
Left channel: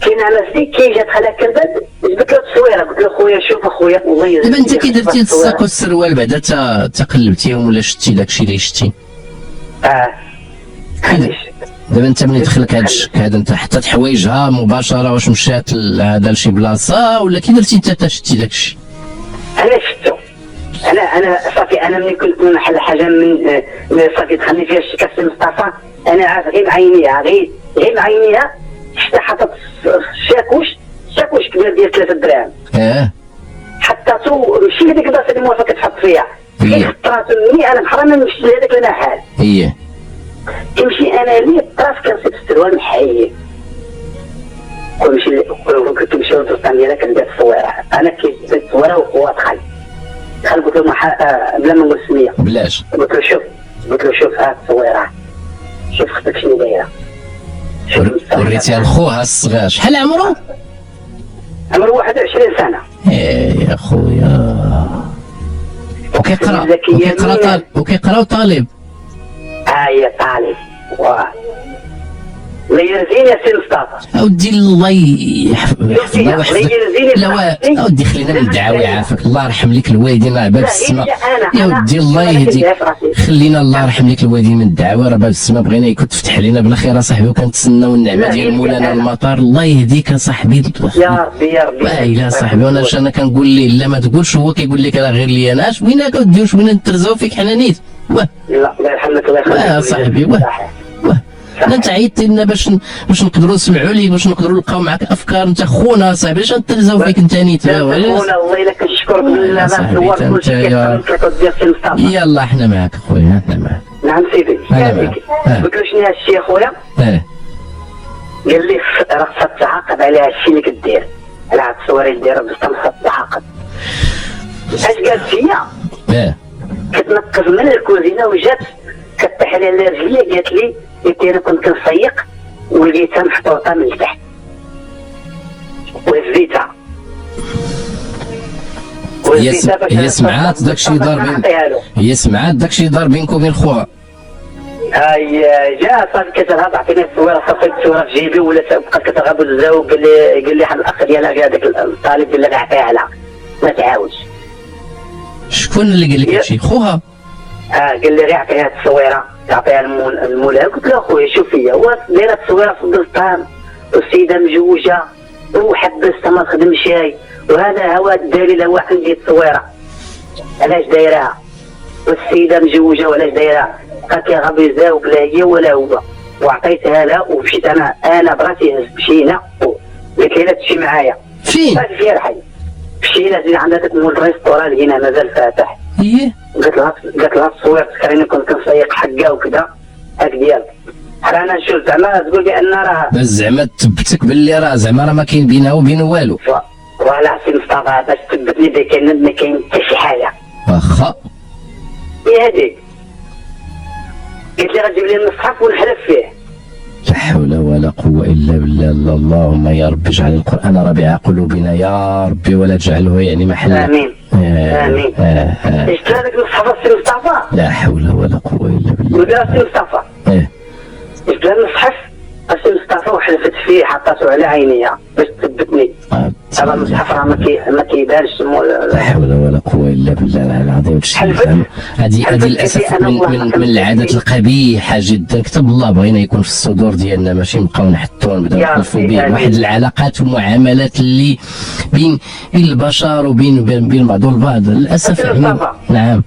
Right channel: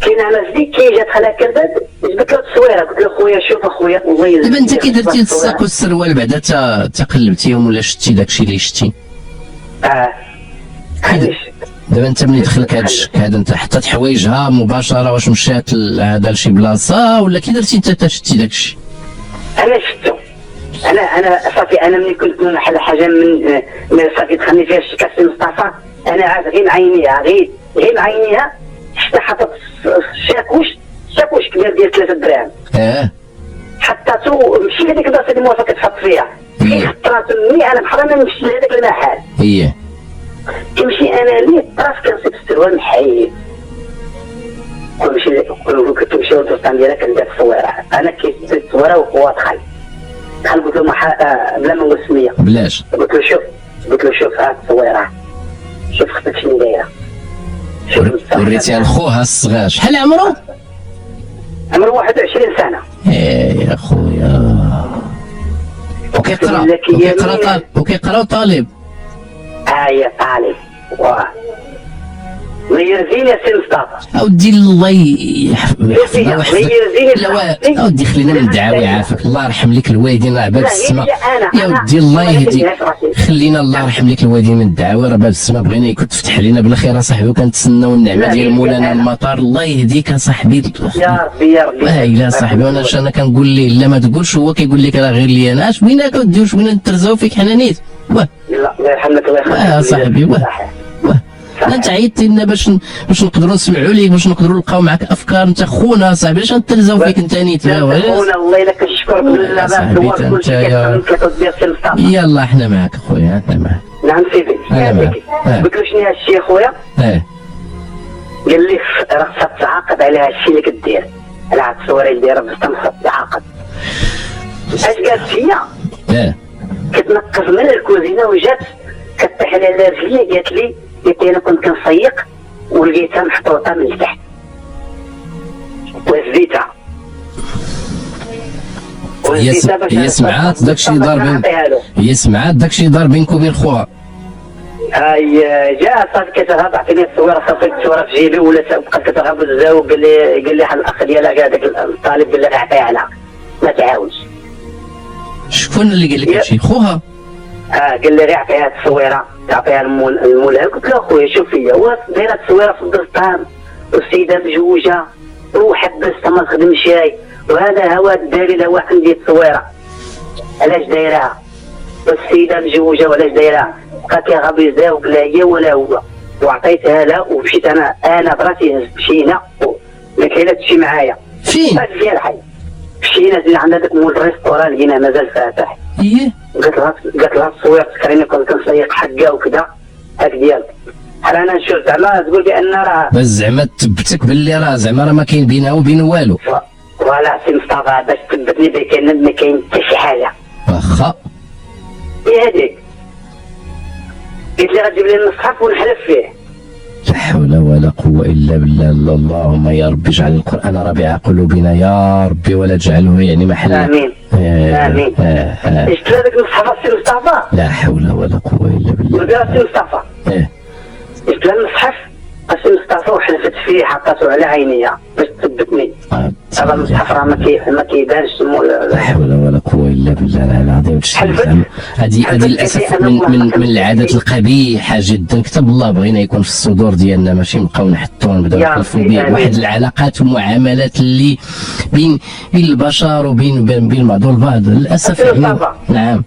كاين على سيدي كي جات خالها كربات جبت له التصويره قلت له خويا شوف اخويا الله دابا انت كي درتي الصاك والسروال بعدا تقلبتيهم ولا شتي داكشي اللي شتي؟ دابا انت ملي دخلك هذا انت حطيت حوايجها مباشره واش مشات هذا لشي بلاصه ولا كي درتي انت شتي داكشي؟ انا شفتو انا صافي انا ملي كنت نحل حاجه من صافي دخلني فيها الشكا السي مصطفى انا عارف غير معينيها غير معينيها شفت حاطط شاكوش كبير ديال 3 دراهم حطاتو ماشي هذيك البلاصه اللي موافقه تحط فيها خطراتو مني انا بحال ما نمشي لهذاك المحل كنمشي انا لي الطراف كنصيب السروال محيد كنت نمشي للدوستان ديالها كندير التصويره. انا كيت التصويره وهو دخل قلت له بلا ما نقول سميه بلاش. قلت له شوف هاد التصويره، شوف اختك شنو دايره. وريتيها لخوها الصغير. شحال عمرو؟ عمره 21 سنه. يا خويا وكيقرا طالب. يا طالب. واه الله يرزيني يا سي مصطفى. اودي الله يحفظك. لا اودي خلينا ندعاو يعافاك. الله يرحم لك الوالدين راه باب السما. يا ودي الله يهديك. خلينا الله يرحم لك الوالدين من الدعوه راه باب السما. بغينا يكون تفتح لينا بالخير اصاحبي، وكنتسناو النعمه ديال مولانا المطار. الله يهديك اصاحبي. يا ربي يا ربي. الا صاحبي انا كنقول ليه لا ما تقولش، هو كيقول لك راه غير لي انا. اش بغينا كدير واش بغينا نترزاو فيك حنا نيت. لا الله يرحمك الله يخليك. صاحبي لا انت عيطتي لنا باش نقدروا نسمعوا ليك، باش نقدروا نلقاو معك افكار. انت خونا صاحبي، علاش نترزاو فيك انت نيت؟ خونا الله الا كنشكرك بالله بارك كلشي كيفهم. يلا احنا معك خويا، احنا معك. نعم سيدي. قلت له شنو هادشي خويا؟ قال لي راه خصك تعاقب على هادشي اللي كدير، على هاد التصويره اللي دايره باش خصك تعاقب. اش قالت هي؟ كتنقز من الكوزينه وجات كطيح لي على رجلي. قالت لي انا كنت كنسيق ولقيتها محطوطه من تحت وهزيتها. هي سمعات داكشي دار بينك وبين خوها. جات صافي كتغاب عطيني التصويره، صافي التصويره في جيبي ولا بقات كتغاب وتزاوج. قال لي واحد الاخ ديالها هذاك الطالب قال لها عطيها لها ما تعاودش. شكون اللي قال لك هادشي؟ خوها؟ قال لي غير عطيها التصويره، تعطيها المولى. قلت له اخويا شوف هي هو دايره التصويره في الدار والسيده مجوجه وحبستها ما تخدمش شاي، وهذا هو الدليل هو عندي التصويره علاش دايرها. والسيده مجوجه وعلاش دايرها بقى كيغاب يزاوج لا هي ولا هو. وعطيتها له ومشيت انا براسي مشينا قالت لي تمشي معايا. فين؟ في الحي. مشينا عند داك مول الريستوران لقينا مازال فاتح. قالت لها التصوير تذكريني كنت كنسيق حقه وكذا هاك ديالك. انا نشوف زعما تقول بان راه بس زعما تثبتك باللي راه زعما راه ما كاين بينها وبين والو. ولا سي مصطفى باش تثبتني بان ما كاين حتى شي حاجه. واخا هي هذيك. قلت لي غتجيب لي المصحف ونحلف فيه. لا حول ولا قوة إلا بالله. اللهم يا ربي اجعل القرآن ربيع قلوبنا يا ربي، ولا تجعله يعني محل. آمين آمين. اشتري هذاك المصحف السي مصطفى. لا حول ولا قوة إلا بالله. ودار السي مصطفى. اشتري المصحف السي مصطفى وحلفت فيه حطيته على عينيا باش تثبتني. هذا المصحف راه ما كيبانش. لا حول ولا قوة إلا بالله العظيم. هذه للأسف من العادات القبيحة جدا. كتب الله بغينا يكون في الصدور ديالنا، ماشي نبقاو نحطوا نبداو نخلفوا به واحد العلاقات والمعاملات اللي بين البشر وبين بعض البعض للأسف يعني. نعم.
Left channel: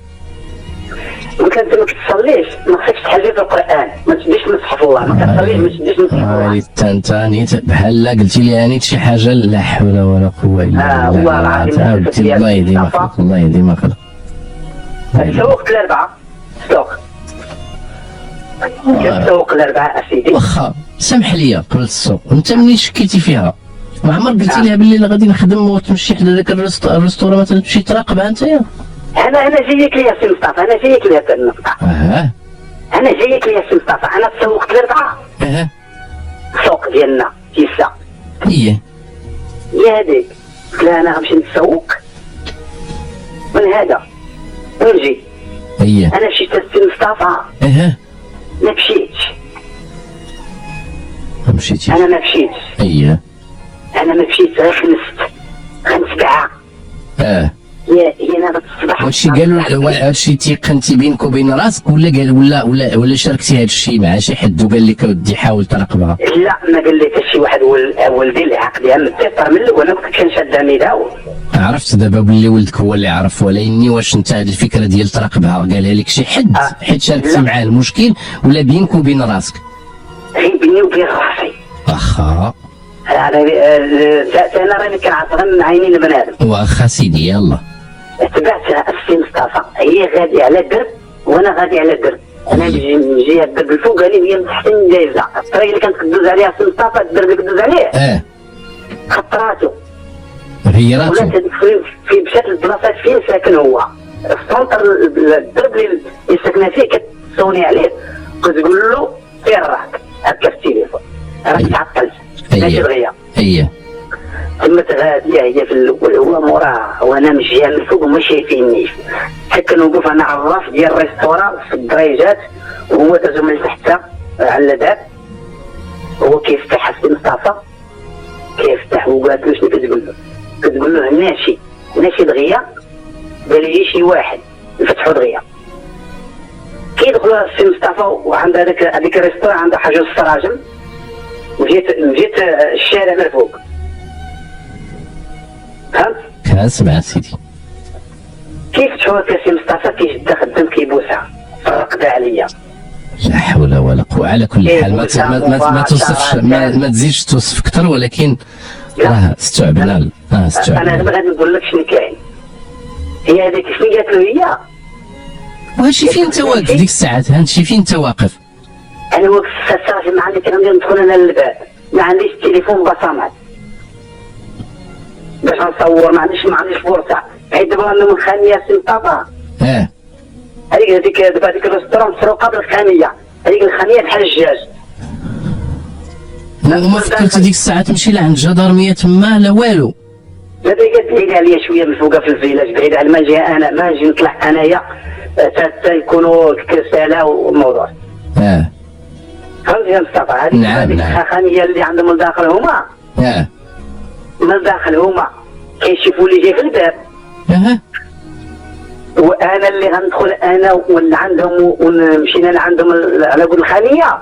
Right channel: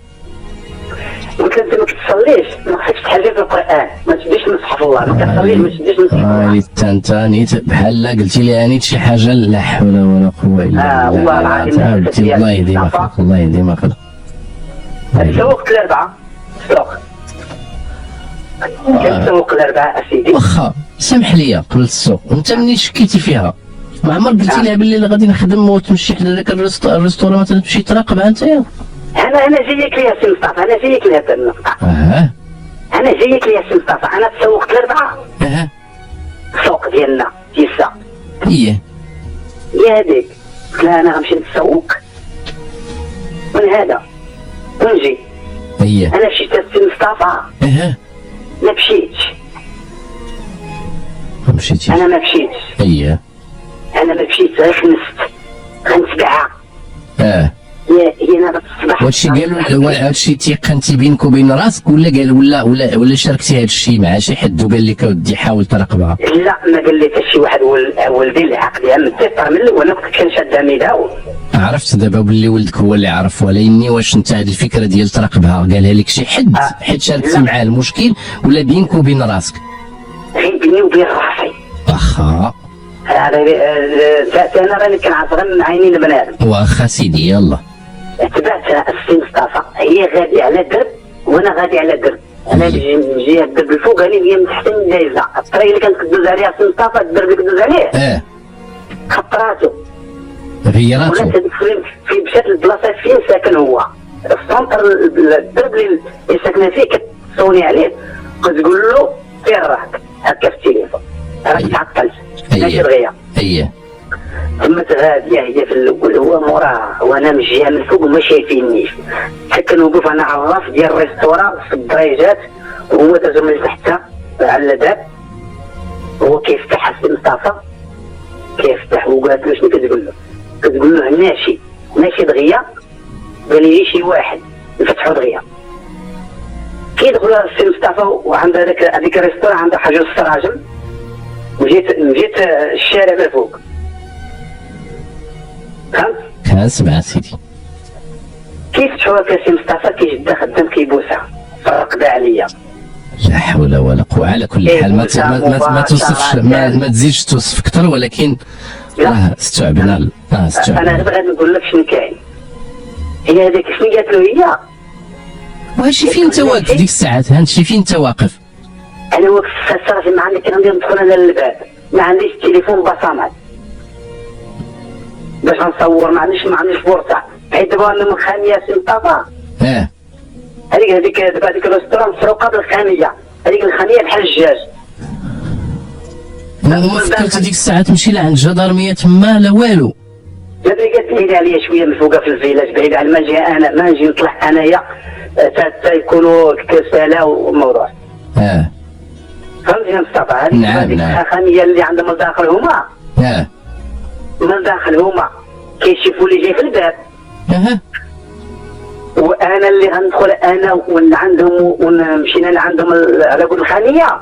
قلت لها انت ما كتصليش، ما خصكش تحل في القران، ما تشديش مصحف الله، ما كتصليش ما تشديش مصحف الله. انت نيت بحال قلتي لي نيت شي حاجه. لا حول ولا قوه الا بالله. الله يهدي ما خلق، الله يهدي ما خلق. سوقت الاربعه كنسوق الاربعه اسيدي. واخا سمح لي قبل السوق، انت ملي شكيتي فيها ما عمرك قلتي لها باللي غادي نخدم وتمشي حدا ذاك الريستوران مثلا تمشي تراقبها انت؟ انا جايك ليا سي مصطفى، انا جايك ليا سي مصطفى. انا جايك ليا سي مصطفى. انا تسوقت الاربعه. السوق ديالنا تيسا. هي هذيك. قلت لها انا غنمشي نتسوق من هذا ونجي. انا مشيت السي مصطفى. ما مشيتش. انا ما مشيتش. انا ما مشيتش غير خنست غنتبعها. هي ناضت الصباح. وهادشي قالوا هادشي تيقنتي بينك وبين راسك ولا شاركتي هادشي مع شي حد وقال لك اودي حاول تراقبها؟ لا ما قال لي حتى شي واحد. ولدي اللي عقلي متفر من الاول كنت كنشد عميده. عرفت دابا باللي ولدك هو اللي عرف، ولكن واش انت هاد الفكره ديال تراقبها قالها لك شي حد حيت شاركتي معاه المشكل ولا بينك وبين راسك؟ بيني وبين راسي. واخا انا راني كنعرف غير من عينين بنادم. واخا سيدي يلا. تبعتها السي مصطفى، هي غادي على الدرب وانا غادي على الدرب. انا نجي الدرب الفوقاني هي من تحت جايزه. الطريق اللي كانت كدوز عليها السي مصطفى الدرب اللي كدوز عليه خطراتو غيراتو. ولات فين مشات للبلاصه فين ساكن هو السونتر الدرب اللي ساكنه فيه كتصوني عليه كتقول له فين راك هكا في التليفون راك تعطلت ماشي دغيا. اييه تمت هاديه هي في الاول هو موراه وانا مشيها من الفوق وما شايفينيش حتى نوقف انا على الراس ديال الريستورا في الدريجات وهو دازو من تحت على الباب هو كيفتح السي مصطفى كيفتح وقالت له شنو كتقول له؟ كتقول له ناشي دغيا قال لي شي واحد نفتحو دغيا كيدخل السي مصطفى وعند هذيك الريستورا عندها حاجه السراجم وجيت الشارع من الفوق فهمت؟ كنسمع سيدي. كيفتحوا هكا السي مصطفى كيشد خدام كيبوسها فرقد عليا. لا حول ولا قوة. على كل حال ما توصفش ما تزيدش توصف اكثر ولكن استوعبنا. انا دابا غادي نقول لك شنو كاين. هي هذيك شنو قالت له هي واش فين انت واقف ديك الساعات؟ هانشي فين انت واقف؟ انا واقف صافي ما عندي كندير ندخل انا للباب ما عنديش التليفون بصمات باش نصور ما عنديش فرصه حيت دابا انا من خانيه سي مصطفى. هذيك دابا هذيك الريستورون مسروقه بالخانيه هذيك الخانيه بحال الجاج. ما فكرت هذيك الساعه تمشي لعند الجدارميه تما لا والو؟ لا هي بعيده عليا شويه من فوقها في الفيلاج بعيده على ما نجي نطلع انايا حتى يكونوا كساله والموضوع. فهمت يا مصطفى؟ هذيك الخانيه اللي عندهم الداخل هما من الداخل هما كيشوفوا لي جاي في الباب. وانا اللي غندخل انا ولا عندهم ومشينا لعندهم على قول الخانيه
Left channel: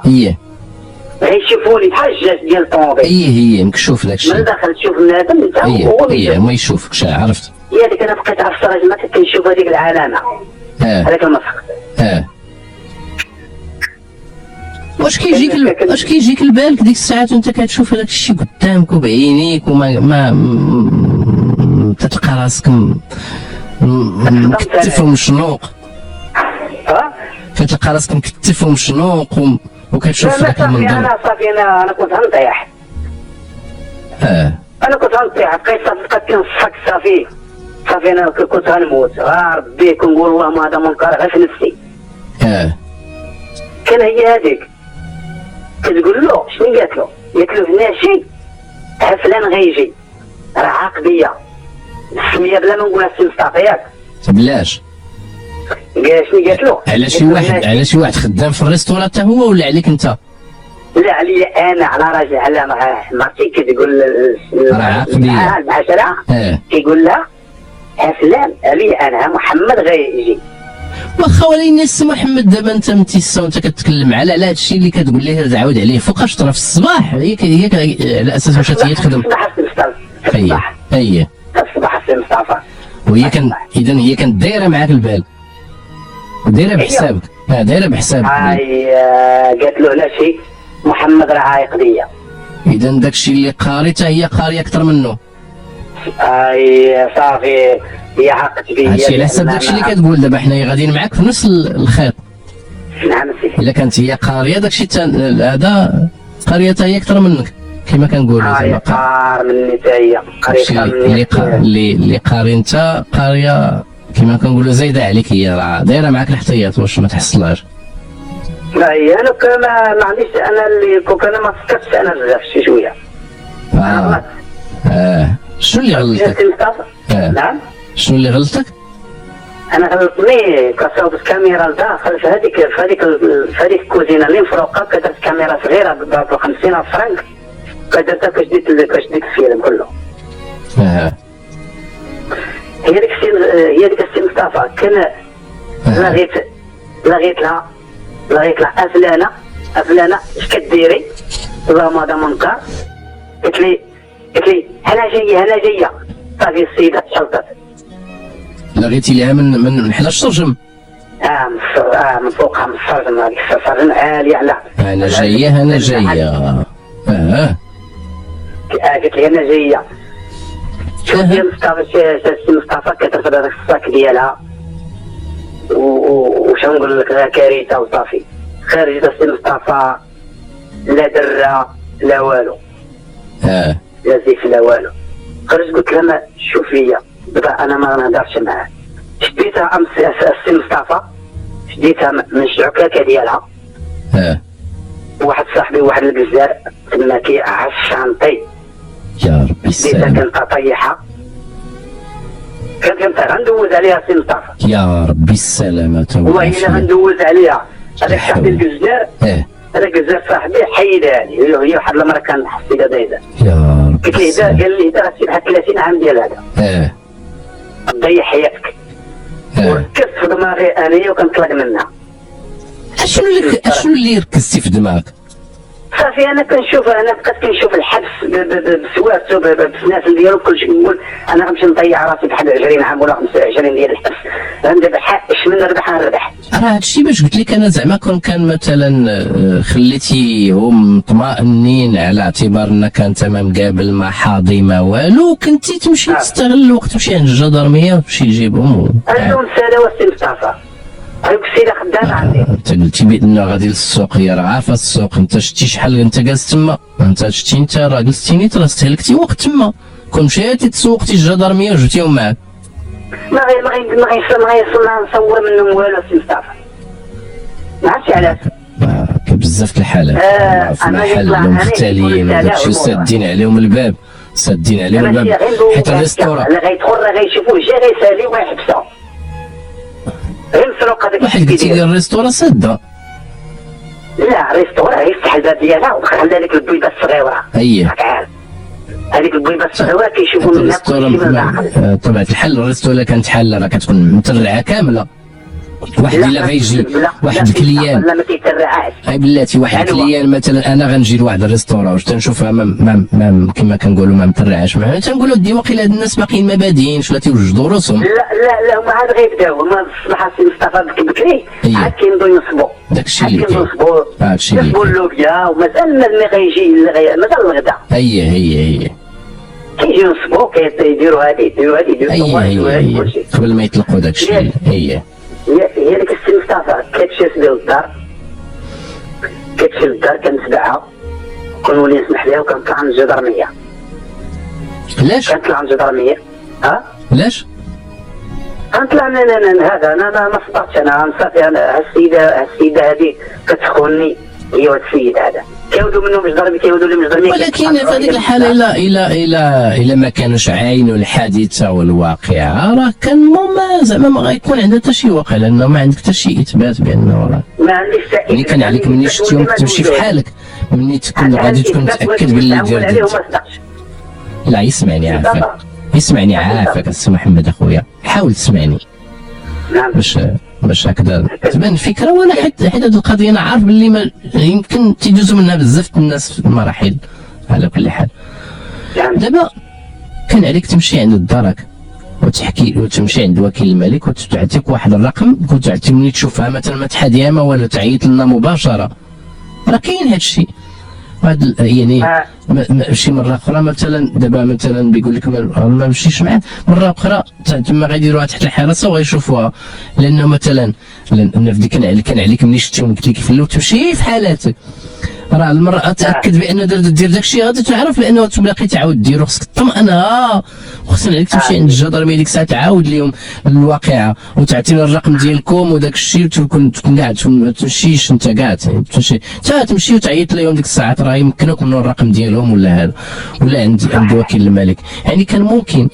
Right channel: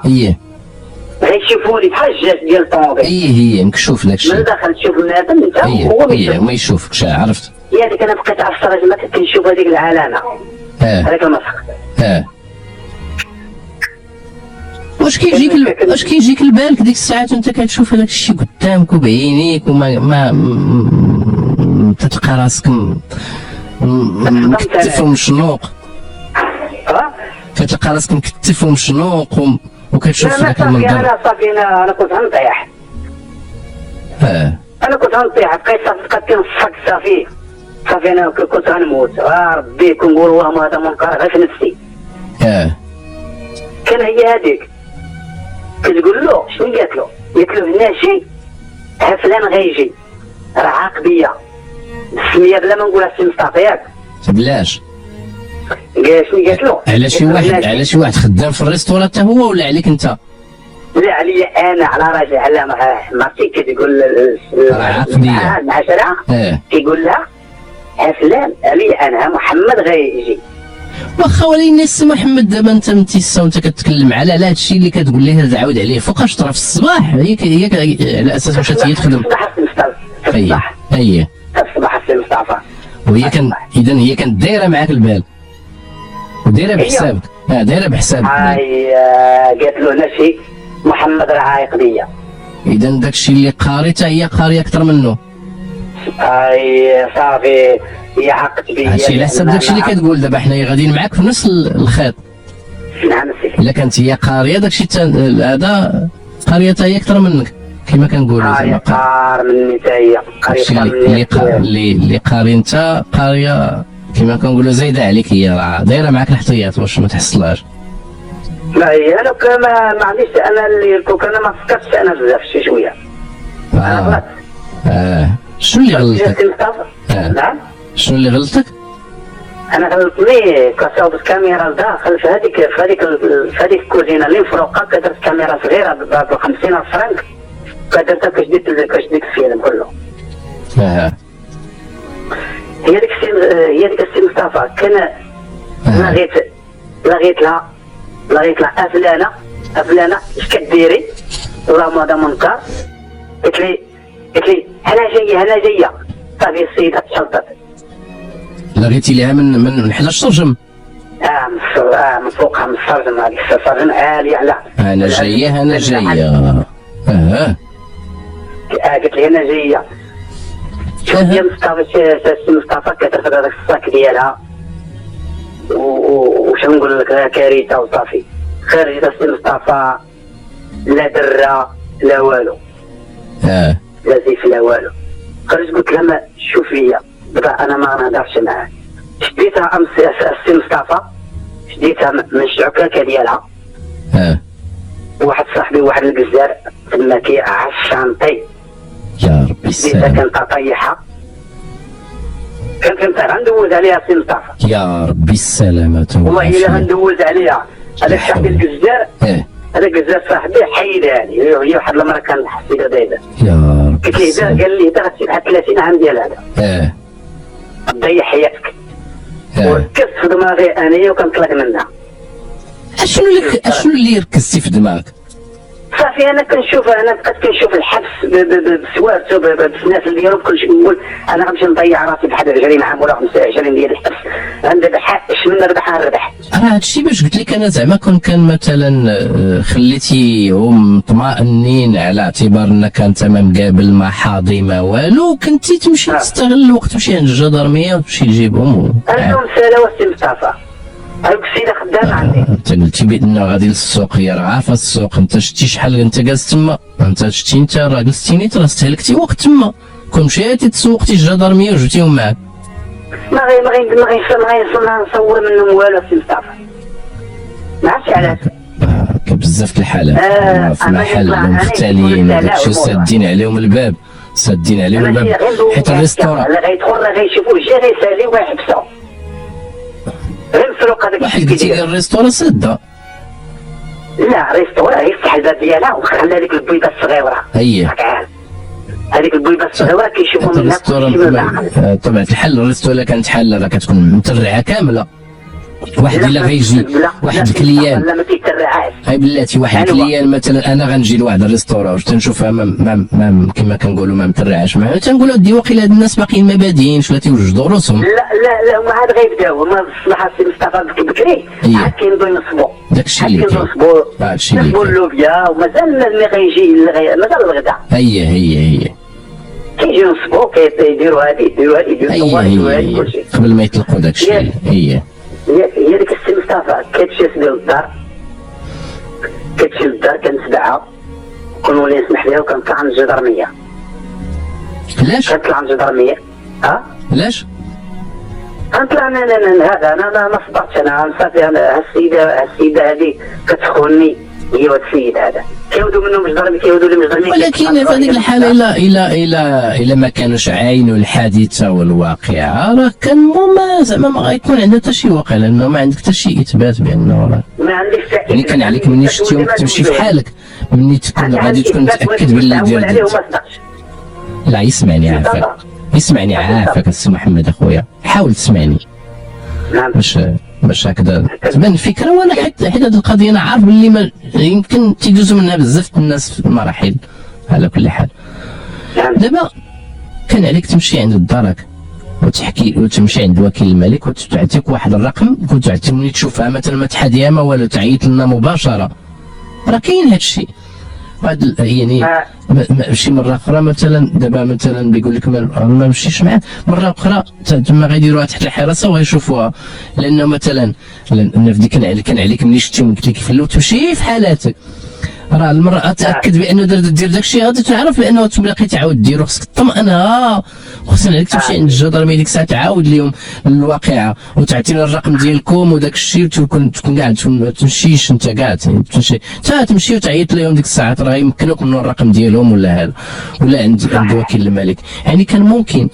غيشوفوني بحال الجاج ديال الطوموبيل. هي مكشوف داكشي من داخل تشوف النادم انت هو ما يشوفكش. عرفت هي هذيك انا بقيت على السراج ما كنشوف هذيك العلامه هذاك المسخ. واش كيجيك لبالك ديك الساعات وانت كتشوف هذاك الشيء قدامك وبعينيك وما تلقى راسك مكتف ومشنوق؟ كتلقى راسك مكتف ومشنوق وكتشوف ذاك المنظر. انا كنت غنطيح. انا كنت غنطيح بقيت بقات كنصحك صافي انا كنت غنموت. ربي كنقول اللهم هذا منكر غير في نفسي. كان هي هذيك كتقول له شنو قالت له؟ قالت له هنا شي فلان غيجي راه عاقبيه السميه بلا ما نقولها السي مصطفى ياك بلاش. شنو قالت له؟ على شي واحد خدام في الريستوران حتى هو ولا عليك انت؟ لا عليا انا على راجل على مرتي كتقول العشرة كيقول لها فلان عليا انا محمد غيجي. واخا ولكن الناس محمد دابا انت متيسا وانت كتكلم على هذا الشيء اللي كتقول ليه تعاود عليه فوقاش طرا في الصباح ياك على اساس مشات هي تخدم الصباح السي مصطفى وهي كان اذا هي كانت دايره معاك البال ودايره بحسابك. دايره بحسابك. قالت له لا شي محمد راه عايق بيا. اذا داكشي اللي قاريته هي قاريه اكثر منه. صافي هي عاقت بيا. هادشي على حساب داكشي اللي كتقول دابا حنايا غاديين معاك في نفس الخيط. نعم سيدي. الا كانت هي قاريه داكشي هذا قاريتها هي اكثر منك كما كنقولوا. قار مني حتى هي اللي قاري انت قاريه كما كنقولوا زايده عليك. هي راه دايره معاك الاحتياط واش ما تحصلهاش. لا هي انا ما عنديش انا اللي كنت انا ما فكرتش انا بزاف شي شويه. شنو اللي غلطك؟ نعم شنو اللي غلطك؟ انا غلطني كصوب الكاميرا داخل في هذيك الكوزينه اللي فوقها كدرت كاميرا صغيره ب 50 فرنك كدرتها كشديت الفيلم كله. هي ديك السي مصطفى كان لغيت لها فلانه اش كديري؟ اللهم هذا منكر. قلت لي انا جايه صافي السيده تشنطت. لغيتي لها من حدا الشرجم؟ من فوقها من السرجم. هذيك السرجم عالي على انا جايه قالت لي انا جايه. شوف يا مصطفى كترفد هذاك الصاك ديالها وش نقول لك كارثه وصافي. خرجت السي مصطفى لا درة لا والو. لا زيف لا والو. خرجت قلت لها شوف ليا بدا انا ما غنهضرش معاه. شديتها السي مصطفى، شديتها من الشعكاكه ديالها. واحد صاحبي واحد الجزار تما كيعرف شانطي. يا ربي السلام. كانت طيحه، كنت غندوز عليها السي مصطفى. يا ربي السلامة. والله الا غندوز عليها. هذاك صاحبي الجزار، هذاك الجزار صاحبي حيدها لي، هي واحد المره كان حسيتها دايره. يا ربي قلت له قال لي هذا غتسيب واحد 30 عام ديال هذا. تضيع حياتك. ركزت في دماغي انايا وكنطلق منها. اشنو اللي ركزتي في دماغك؟ صافي انا بقيت كنشوف الحبس بسوارته بالناس اللي ديالو بكلشي، نقول انا غنمشي نضيع راسي بواحد 20 عام ولا 25 ديال الحبس، غندربح اش من نربح. راه هادشي باش قلت لك انا زعما كان مثلا خليتيهم مطمئنين على اعتبار انك انت ما مقابل ما حاضي ما والو، كنتي تمشي تستغل الوقت تمشي عند الجدرميه تمشي تجيبهم. انا مساله السي مصطفى هاك السيده خدام عندي. قلتي بانه غادي للسوق، هي راه عارفه السوق. انت شتي شحال انت جالس تما، انت شتي انت راه جلستي نيت، راه استهلكتي وقت تما. كون مشيتي تسوقتي الجدرميه وجبتيهم معاك. ما نصور منهم والو السي مصطفى. ما عرفتش علاش. بزاف الحالات في محل مختلين داكشي سادين عليهم الباب، حيت الريستوران اللي غيدخل راه غيشوفوه جيري سالي ويحبسو. واحد قلتي لي الريستوران ساده. لا الريستوران يفتح الباب ديالها وخلى هذيك البيضه الصغيره. هذيك البيضه الصغيره كيشوفوا منها طبعا الحل. الريستوران كانت حله راه كتكون مترعه كامله. واحد الا غيجي واحد الكليان لا ما كيتبعهاش. اي بلاتي واحد الكليان مثلا انا غنجي لواحد الريستوران تنشوفها ما كما كنقولوا ما مترعاش معاه، تنقولوا دي واقيلا هاد الناس باقيين ما باديينش ولا تيوجدوا راسهم. لا هما عاد غيبداو. هما الصباح السي مصطفى بكري عاد كينوضوا ينصبوا. داكشي اللي كاين. هادشي اللي كاين. اللوبيا ومازال ملي غيجي مازال الغدا. هي كيجيو ينصبوا كيديروا هادي يديروا هادي كلشي قبل ما يطلقوا داكشي. هي ديك السي مصطفى كتشي ديال الدار، كتشي للدار كنتبعها كنولي نسمح ليها وكنطلع من الجدرميه. علاش؟ كنطلع من الجدرميه. علاش؟ غنطلع هذا انا ما صبرتش. انا صافي انا السيده هذه كتخونني، هي وهاد السيد هذا كيودوا منهم الجدرميه، كيودوا لهم الجدرميه. ولكن في هذيك الحاله الا ما كانوش عاينوا الحادثه والواقعه راه كان زعما ما غيكون عندها حتى شي واقع، لانه ما عندك حتى شي اثبات بانه راه ما عنديش. يعني كان عليك مني شفتيهم تمشي في حالك، مني تكون غادي تكون متاكد باللي ديال. لا يسمعني عافاك السي محمد اخويا، حاول تسمعني باش هكذا تبان الفكره. وانا حيت هذه القضيه انا عارف باللي ما يمكن تيدوزوا منها بزاف الناس في المراحل. على كل حال دابا كان عليك تمشي عند الدرك وتحكي وتمشي عند وكيل الملك وتعطيك واحد الرقم وتعطي ملي تشوفها مثلا ما تحاديها ما والو تعيط لنا مباشره. راه كاين هذا الشيء. هاد يعني شي مره اخرى مثلا دابا مثلا بيقول لك ما مشيش معاه، مره اخرى تما غيديروها تحت الحراسه وغيشوفوها، لانه مثلا في ديك كان عليك ملي شفتيهم قلت لك في تمشي في حالاتك. راه المراه تاكد بانه دير داك الشيء غادي تعرف بانه تبقى تعاود ديرو. خصك تطمئن خصنا عليك تمشي عند الجدرميه ديك الساعه تعاود لهم الواقعه وتعطينا الرقم ديالكم وداك الشيء وتكون قاعد ما تمشيش انت قاعد تمشي وتعيط لهم ديك الساعات راه يمكنك منه الرقم ديالهم ولا هذا ولا عند وكيل الملك. يعني كان ممكن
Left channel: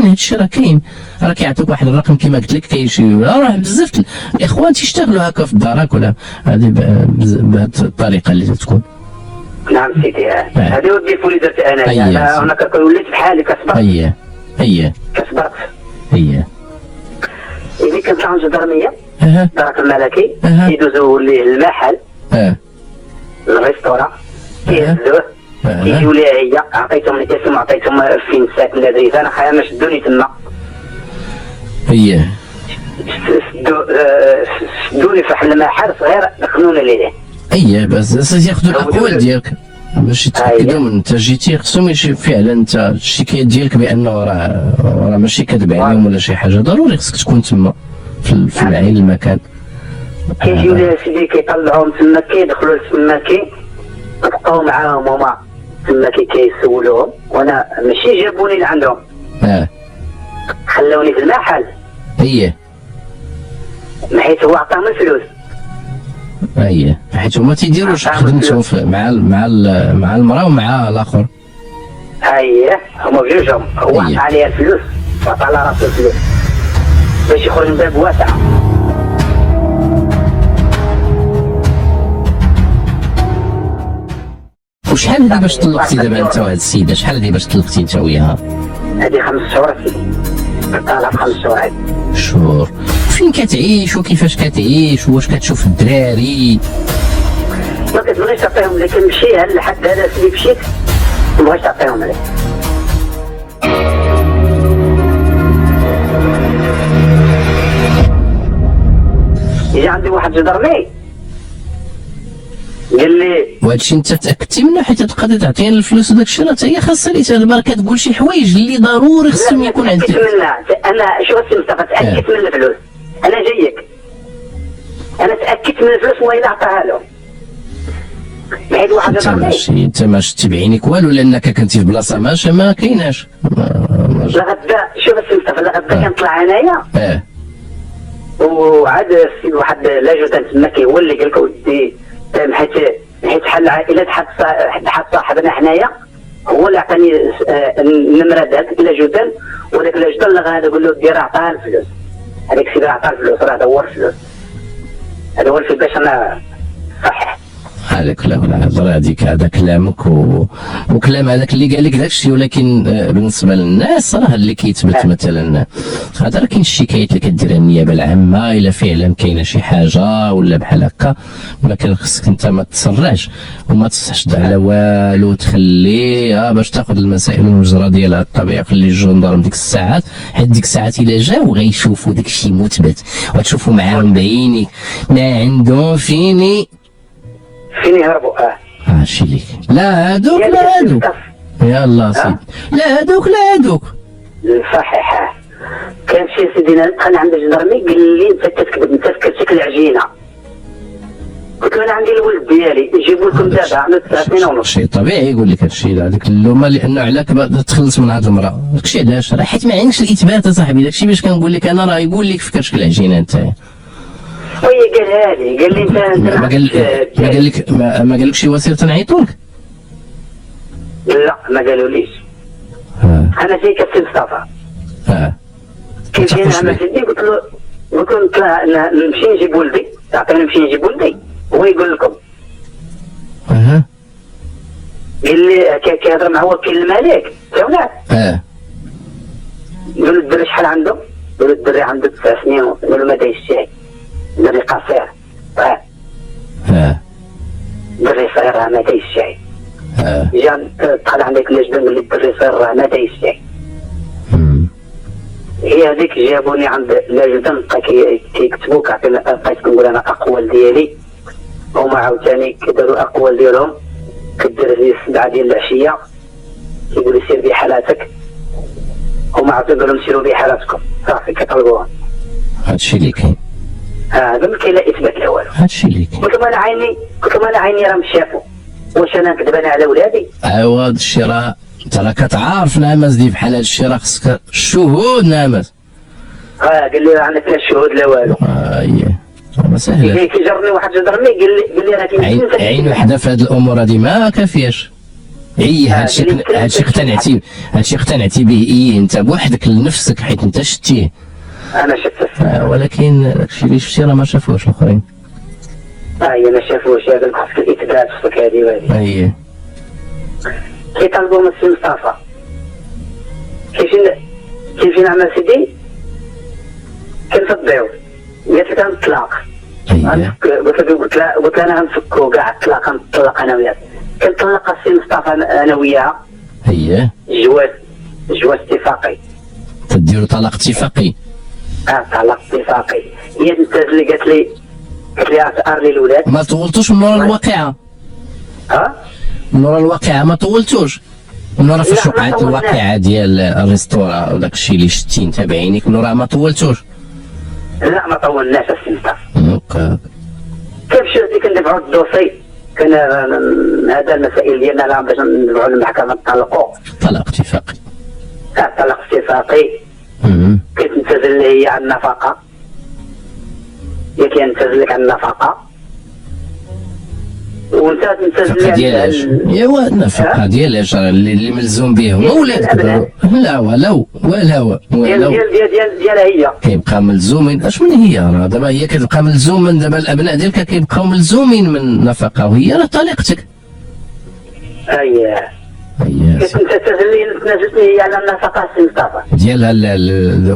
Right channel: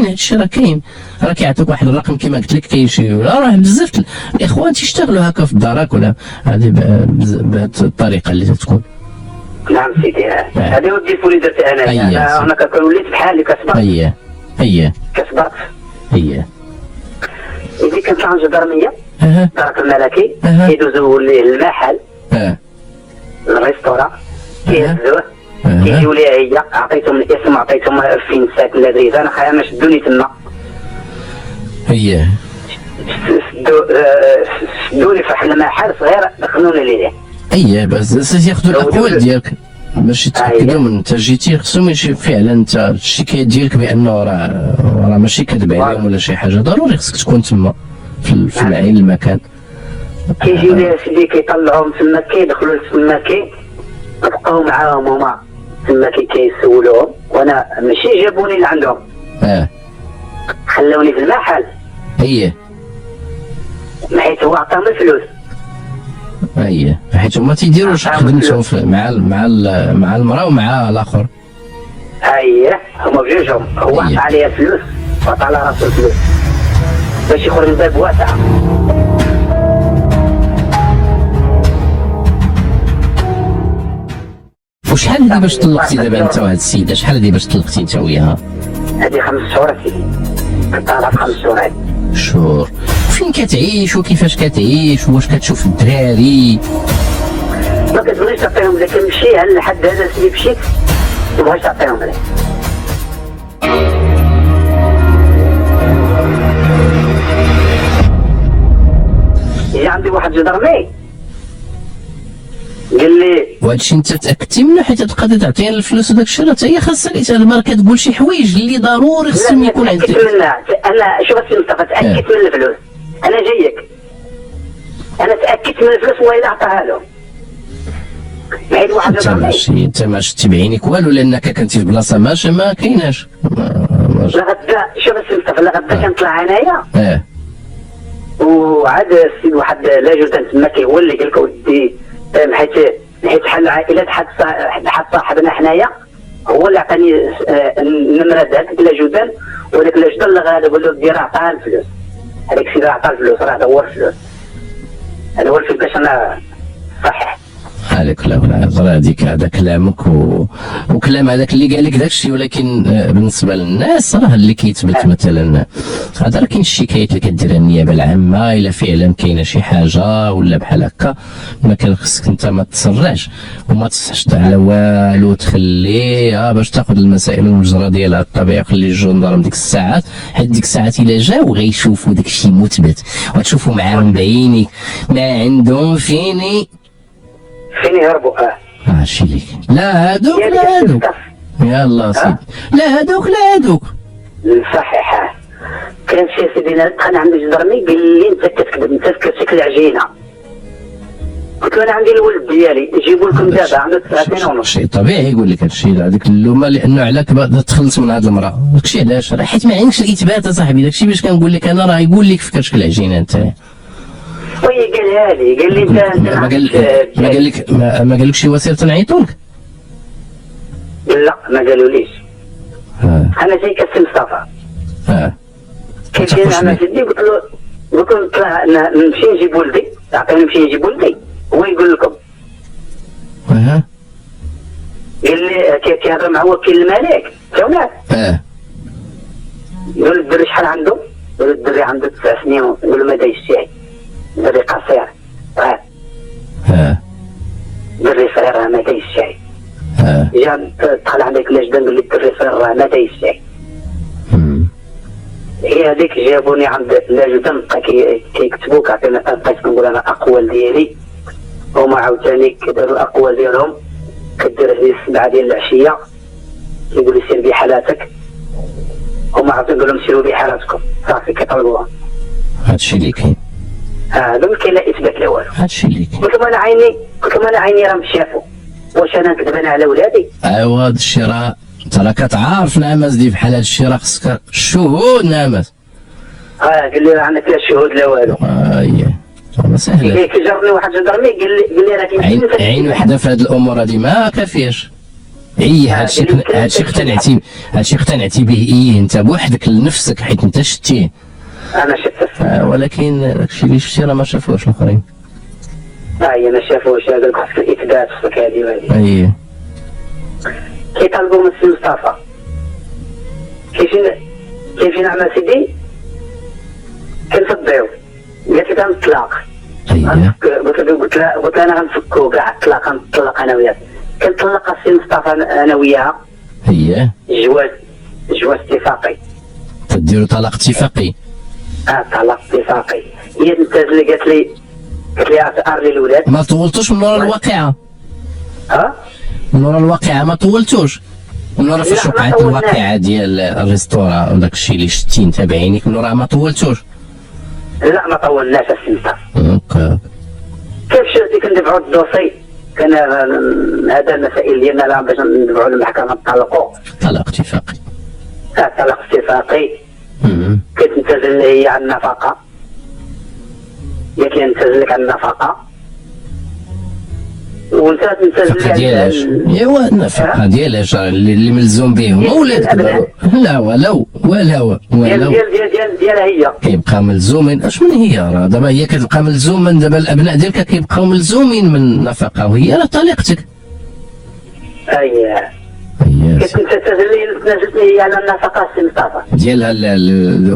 هذا الشيء راه كاين، راه كيعطيك واحد الرقم كما قلت لك. كاين شي راه بزاف الاخوان تيشتغلوا هكا في الدارك ولا هذه بهذه الطريقه اللي تكون. نعم سيدي هذه وديت ولي درت انا هناك وليت بحالي كصبرت. كصبرت إذا كنت عند الجدرميه دارك الملكي كيدوزوا للمحل الريستوران كيهزوه كيجيو ليها هي عطيتهم الاسم عطيتهم فين ساكن لذيذ انا خايف ما شدوني تما. شدوني في واحد المحل صغير دخلونا ليه. بس ياخذوا الاقوال ديالك باش يتاكدوا من انت جيتي. خصهم يشوف فعلا انت الشكايه ديالك بانه راه ماشي كذب عليهم ولا شي حاجه. ضروري خصك تكون تما في العين المكان. كيجيو ليها سيدي كيطلعوهم تما كيدخلوا تما بقاو معاهم هما تما كيسولوهم، وانا ماشي جابوني لعندهم، خلوني في المحل. حيت هو عطاهم الفلوس. حيت هما تيديروش خدمتو مع المراه ومع الاخر. هما بجوجهم، هو عطا عليها الفلوس وعطا على راسو الفلوس باش يخرج من باب واسع. وشحال هادي باش طلقتي دابا انت وهاد السيده؟ شحال هادي باش طلقتي انت وياها؟ هادي 5 شهور سيدي، طالعه في 5 شهور. شهور. فين كتعيش وكيفاش كتعيش واش كتشوف الدراري؟ ما كتبغيش تعطيهم لك، نمشي على الحد هذا اللي مشيت ما بغيتش تعطيهم لك. هي عندي واحد جدرمي قال لي وهادشي انت تاكدتي منه؟ حيت تبقى تعطيها الفلوس وداك الشيء راه هي خاصها لي تهضر كتقول شي حوايج اللي ضروري خصهم يكون عندك. انا شوف السي مصطفى، تاكدت من الفلوس، انا جايك، انا تاكدت من الفلوس والله الا عطاها لهم. حيت واحد جدرمي انت ما شتي بعينيك والو لانك كنتي في بلاصه ما كايناش. لغدا شوف السي مصطفى، لغدا كنطلع انايا وعاد السيد واحد لاجوتان تما هو اللي قال لك ودي، حيت بحال العائله حد صاحبنا حنايا هو اللي عطاني النمره ديال لاجوتان، وداك لاجوتان اللي غادي نقول له دير عطاها الفلوس، هذاك السيد عطاه الفلوس، راه هذا هو الفلوس، هذا هو الفلوس باش انا صحيح. هذاك لا الهضره هذيك، هذا كلامك وكلام هذاك اللي قال لك داك الشيء، ولكن بالنسبه للناس راه اللي كيتبت مثلا هذا راه كاين الشكايات اللي كديرها النيابه العامه الا فعلا كاينه شي حاجه ولا بحال هكا، ما كان خصك انت ما تسرعش وما تستحشد على والو، تخلي باش تاخذ المسائل المجرى ديالها الطبيعيه، خلي الجندرم ديك الساعات، حيت ديك الساعات الا جاو غيشوفوا داك الشيء مثبت وتشوفوا معاهم بعينيك ما عندهم فين يهربوا. هادشي ليك. لا هادوك لا هادوك، يلا سيدي، لا هادوك لا هادوك. صحيح. كان شي سيدي انا عندي جدرمي قال لي انت كتكذب، انت فكرتك العجينه. قلت له انا عندي الولد ديالي نجيبو لكم دابا عمل 9 سنين ونص. شيء طبيعي يقول لك هادشي، هذيك اللومه لانه علاك تخلص من هاد المراه، داكشي علاش راه حيت ما عندكش الاثبات اصاحبي، داكشي باش كنقول لك انا راه يقول لك فكرتك العجينه انت. وي قالها لي، قال لي انت ما قالك شي وسيله تنعيطوا لك؟ لا ما قالوليش. انا جاي كسي مصطفى. كان جاي انا سيدي قلت له نمشي نجيب ولدي، عطيني نمشي نجيب ولدي هو يقول لكم. قال لي كيهضر مع وكيل الملك تاولاد. قال له الدري شحال عنده؟ قال له الدري عنده 9 سنين ونص. قال له ما دايش الشاي، دري قصير. دري صغير راه ما دايش الشاي. جا دخل عليك لاجدان قال لي الدري صغير راه ما دايش الشاي. هي هذيك جابوني عند لاجدان بقى كيكتبوا كعطينا، بقيت كنقول انا الاقوال ديالي، هما عاوتاني كداروا الاقوال ديالهم، كدير لي 7 ديال العشيه كيقول لي سير بحالاتك، هما عاوتاني قالوا لهم سيروا بحالاتكم، صافي كيطلبوها. هادشي اللي كاين. ما كاين لا اثبات لا والو. هادشي اللي كاين. قلت لهم انا عيني راه مش شافوا، واش انا نكذب انا على ولادي؟ ايوا هادشي راه انت راه كتعارف نعمس دي بحال هادشي، راه خصك الشهود نعمس. قال لي عندك لا شهود لا والو. اييه ما سهله. كيجرني واحد جدرني قال لي راه كاين عين وحده في هاد الامور هادي ما كافياش. هادشي اقتنعتي به انت بوحدك لنفسك حيت انت شتيه. انا شفته. ولكن داكشي اللي شفتي راه ما شافوش الاخرين. ما شافوش، قال لك خاصك الاثبات خصك هادي وهادي. اييه. كيطالبوا من السي مصطفى كيفين عمل سيدي كنفضيو، قالت لي كنطلق. قلت لها انا غنفكو كاع الطلاق، غنطلق انا وياك. كنطلق السي مصطفى انا وياها. جواز اتفاقي. تديروا طلاق اتفاقي؟ طلاق اتفاقي. هي انت اللي قالت لي اثار لي الولاد. ما طولتوش من ورا الواقعه؟ من ورا الواقعه ما طولتوش؟ من ورا فاش وقعت الواقعه ديال الريستورا وداك الشيء اللي شتي انت بعينيك، من ورا ما طولتوش؟ لا ما طولناش السي مصطفى. اوكي. كيف شفتي كندفعوا الدوسي كان هذا المسائل ديالنا لا باش ندفعوا للمحكمه نطلقوا طلاق اتفاقي. طلاق اتفاقي. كتنتزل هي على النفقه، هي كينتزل لك على النفقه وانت تنتزل ديالاش ايوا النفقه ديالاش اللي ملزوم به هو ولادك. لا ولو ديالها هي كيبقى ملزومين. اش من هي راه دابا هي كتبقى ملزومه، دابا الابناء ديالك كيبقاو ملزومين من النفقه وهي راه طليقتك. اييه كتنتزل هي على النفقه المصطفى ديالها